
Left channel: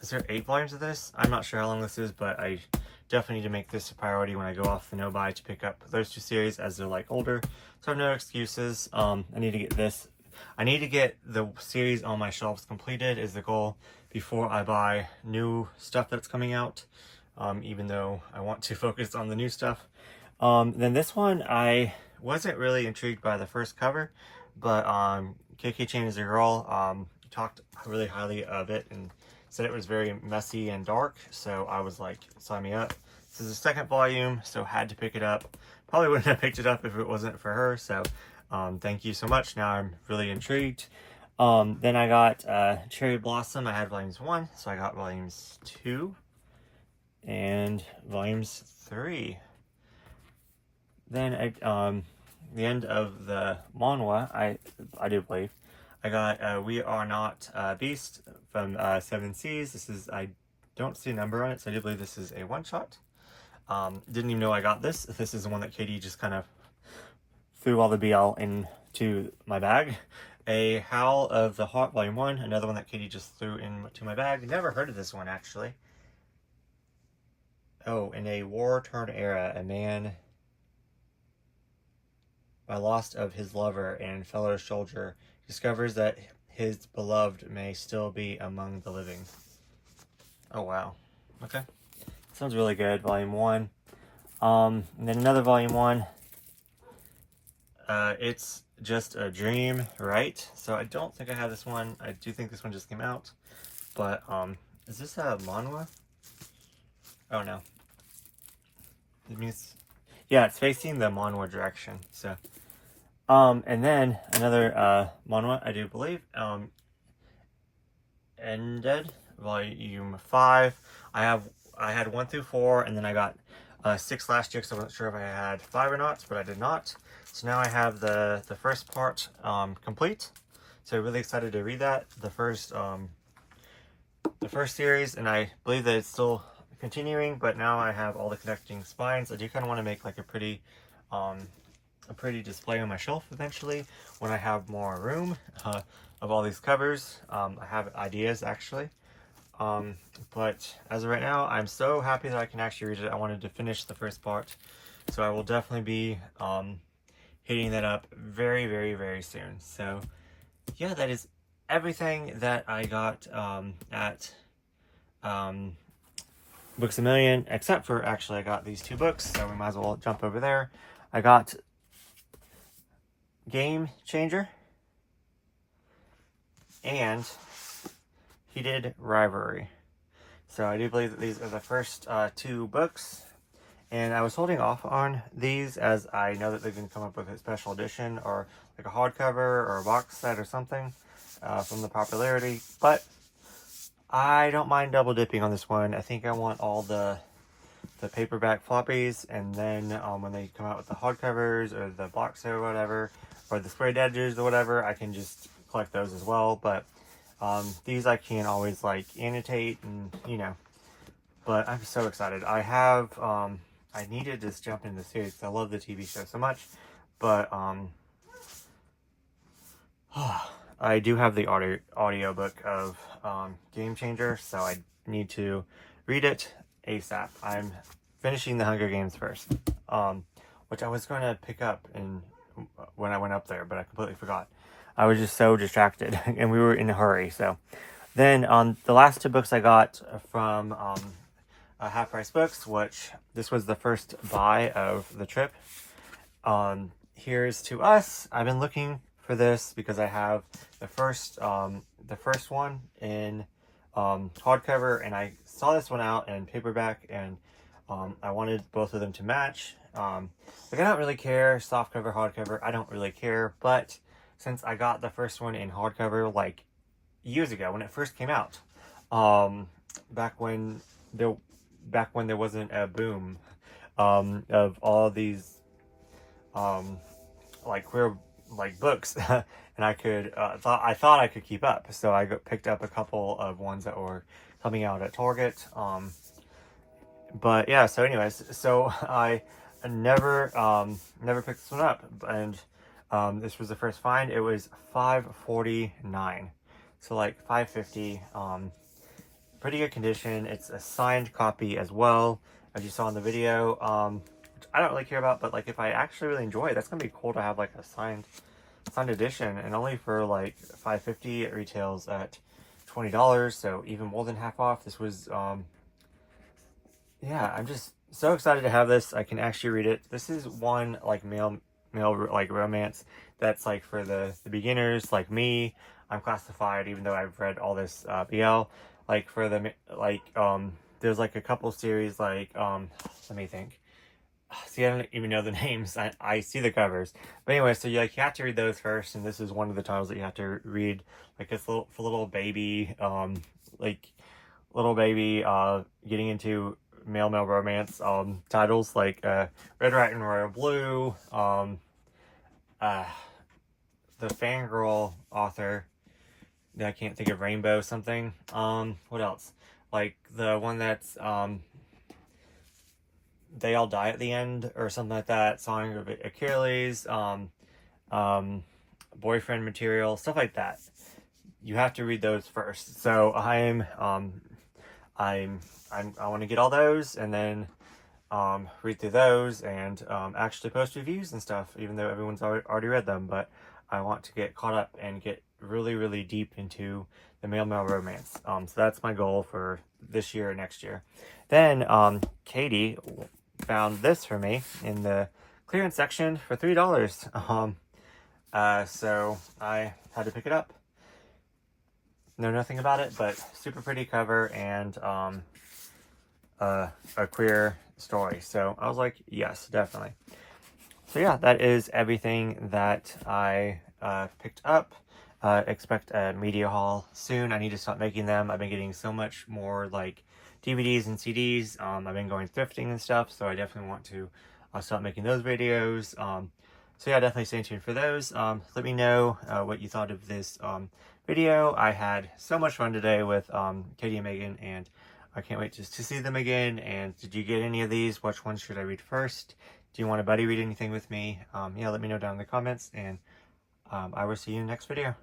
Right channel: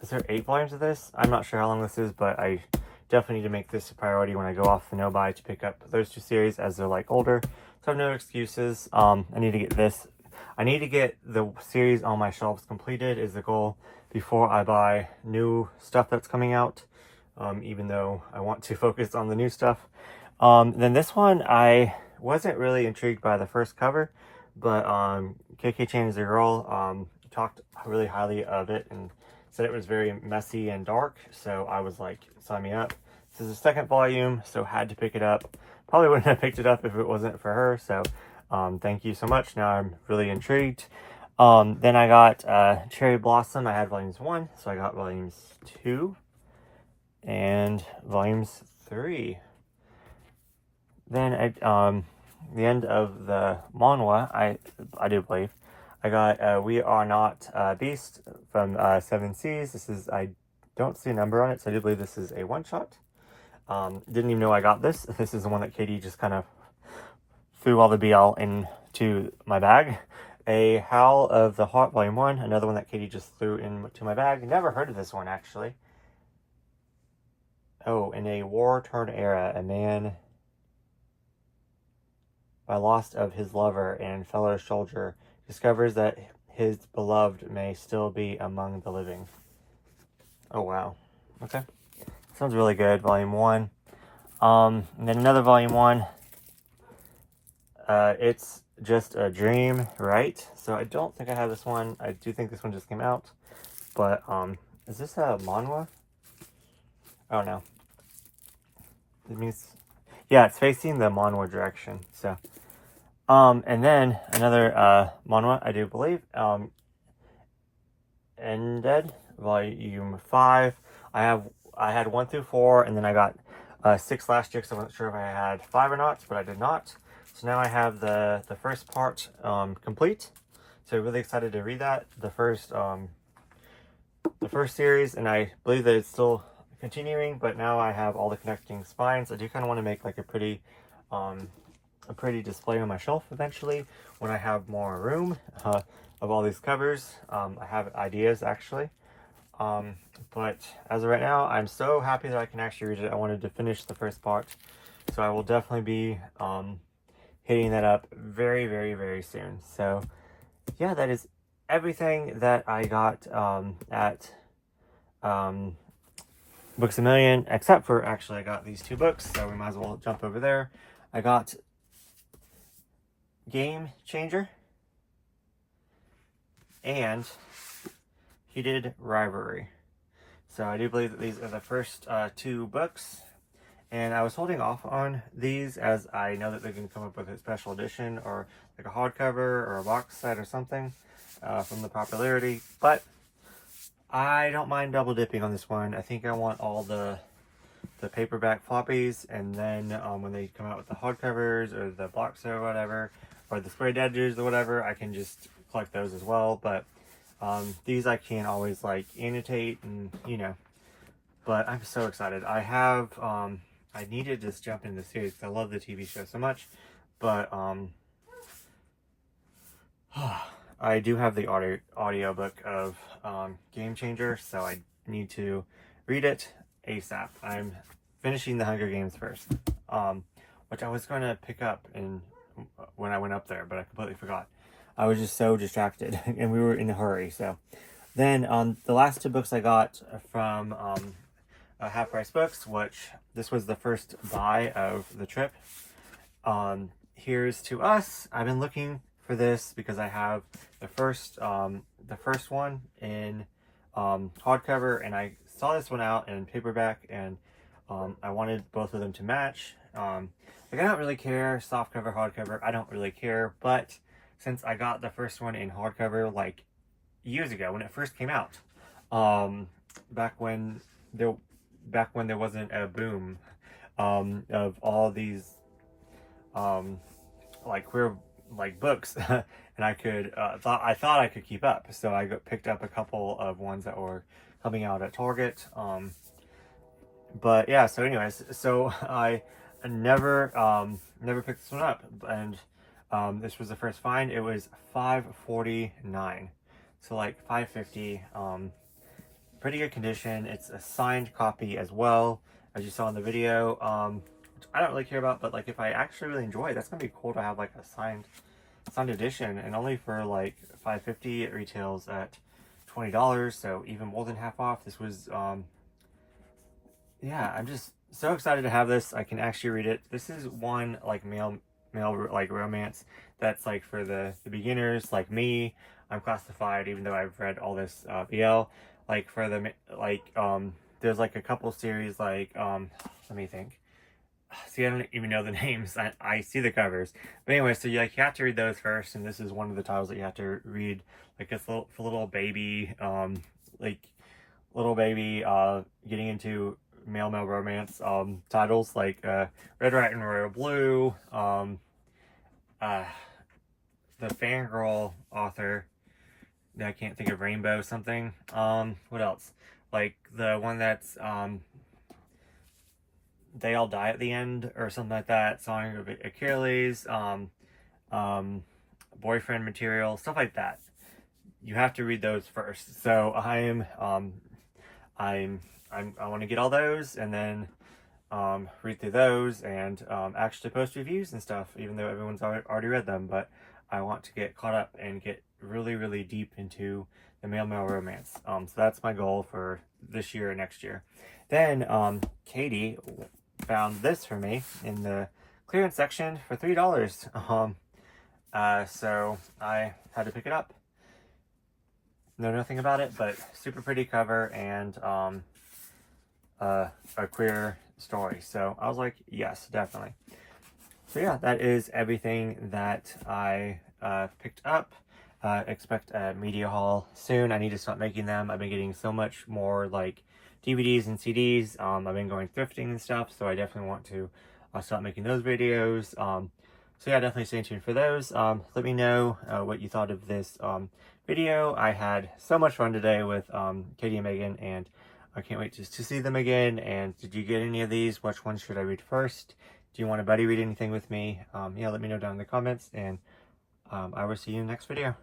is there 8 volumes of this? I'm not sure how long this is, but I definitely need to make this a priority when I go off the no-buy to pick up those 2 series as they're like older. So I have no excuses. I need to get this. I need to get the series on my shelves completed is the goal before I buy new stuff that's coming out. Even though I want to focus on the new stuff. Then this one, I wasn't really intrigued by the first cover, but KK Chain is a Girl talked really highly of it and said it was very messy and dark, so I was like, sign me up. This is the 2nd volume, so had to pick it up. Probably wouldn't have picked it up if it wasn't for her, so thank you so much. Now I'm really intrigued. Then I got Cherry Blossom. I had volumes 1, so I got volumes 2 and volumes 3. Then the end of the manhwa, I do believe, I got We Are Not Beast from 7 Seas. This is, I don't see a number on it, so I do believe this is a one-shot. Didn't even know I got this. This is the one that Katie just kind of threw all the BL into my bag. A Howl of the Heart, volume 1, another one that Katie just threw into my bag. Never heard of this one, actually. Oh, in a war-torn era, a man by loss of his lover and fellow soldier discovers that his beloved may still be among the living. Oh, wow. Okay. Sounds really good. Volume 1. And then another volume 1. It's Just a Dream, right? So I don't think I have this one. I do think this one just came out. But, is this a manhwa? Oh, no. It means, yeah, it's facing the manhwa direction. So, and then another manhwa, I do believe, Ended, volume 5. I had 1 through 4, and then I got 6 last year, because I wasn't sure if I had 5 or not, but I did not. So now I have the first part complete. So really excited to read that, the first series, and I believe that it's still continuing, but now I have all the connecting spines. I do kind of want to make like a pretty display on my shelf eventually when I have more room of all these covers. I have ideas actually, but as of right now, I'm so happy that I can actually read it. I wanted to finish the first part, so I will definitely be hitting that up very, very, very soon. So yeah, that is everything that I got at Books A Million, except for actually I got these 2 books, so we might as well jump over there. I got Game Changer and Heated Rivalry. So I do believe that these are the first 2 books, and I was holding off on these as I know that they're going to come up with a special edition or like a hardcover or a box set or something from the popularity, but I don't mind double dipping on this one. I think I want all the paperback floppies, and then when they come out with the hardcovers or the box set or whatever, or the squared edges or whatever, I can just collect those as well. But these I can't always like annotate, and but I'm so excited. I have I needed to just jump into the series because I love the TV show so much. But I do have the audiobook of Game Changer, so I need to read it ASAP. I'm finishing the Hunger Games first, which I was going to pick up when I went up there, but I completely forgot. I was just so distracted, and we were in a hurry. So then the last 2 books I got from Half Price Books, which this was the first buy of the trip. Here's To Us. I've been looking for this because I have the first one in hardcover, and I saw this one out in paperback, and I wanted both of them to match. Like, I don't really care, softcover, hardcover, I don't really care, but since I got the first one in hardcover like years ago when it first came out, back when there wasn't a boom of all these like queer like books, and I could I thought I could keep up, so I picked up a couple of ones that were coming out at Target. But yeah, so anyways, so I never picked this one up, and this was the first find. It was $5.49, so like $5.50. Pretty good condition. It's a signed copy as well, as you saw in the video, which I don't really care about, but like if I actually really enjoy it, that's gonna be cool to have like a signed edition, and only for like $5.50. It retails at $20, so even more than half off. This was yeah, I'm just so excited to have this. I can actually read it. This is one like male like romance that's like for the beginners like me. I'm classified, even though I've read all this BL. Like for the there's like a couple series like let me think. See, I don't even know the names. I see the covers, but anyway, so you have to read those first, and this is one of the times that you have to read like this little baby getting into male romance titles like Red, White, and Royal Blue, the fangirl author that I can't think of, Rainbow something. What else? Like the one that's They All Die at the End or something like that, Song of Achilles, boyfriend material, stuff like that. You have to read those first. So I want to get all those, and then read through those, and actually post reviews and stuff, even though everyone's already read them. But I want to get caught up and get really, really deep into the male romance. So that's my goal for this year or next year. Then Katie found this for me in the clearance section for $3. So I had to pick it up. Know nothing about it, but super pretty cover, and a queer story. So I was like, yes, definitely. So yeah, that is everything that I picked up. Expect a media haul soon. I need to start making them. I've been getting so much more like DVDs and CDs. I've been going thrifting and stuff, so I definitely want to start making those videos. So yeah, definitely stay tuned for those. Let me know what you thought of this video. I had so much fun today with Katie and Megan, and I can't wait just to see them again. And did you get any of these? Which one should I read first? Do you want a buddy read anything with me? Yeah, let me know down in the comments, and I will see you in the next video.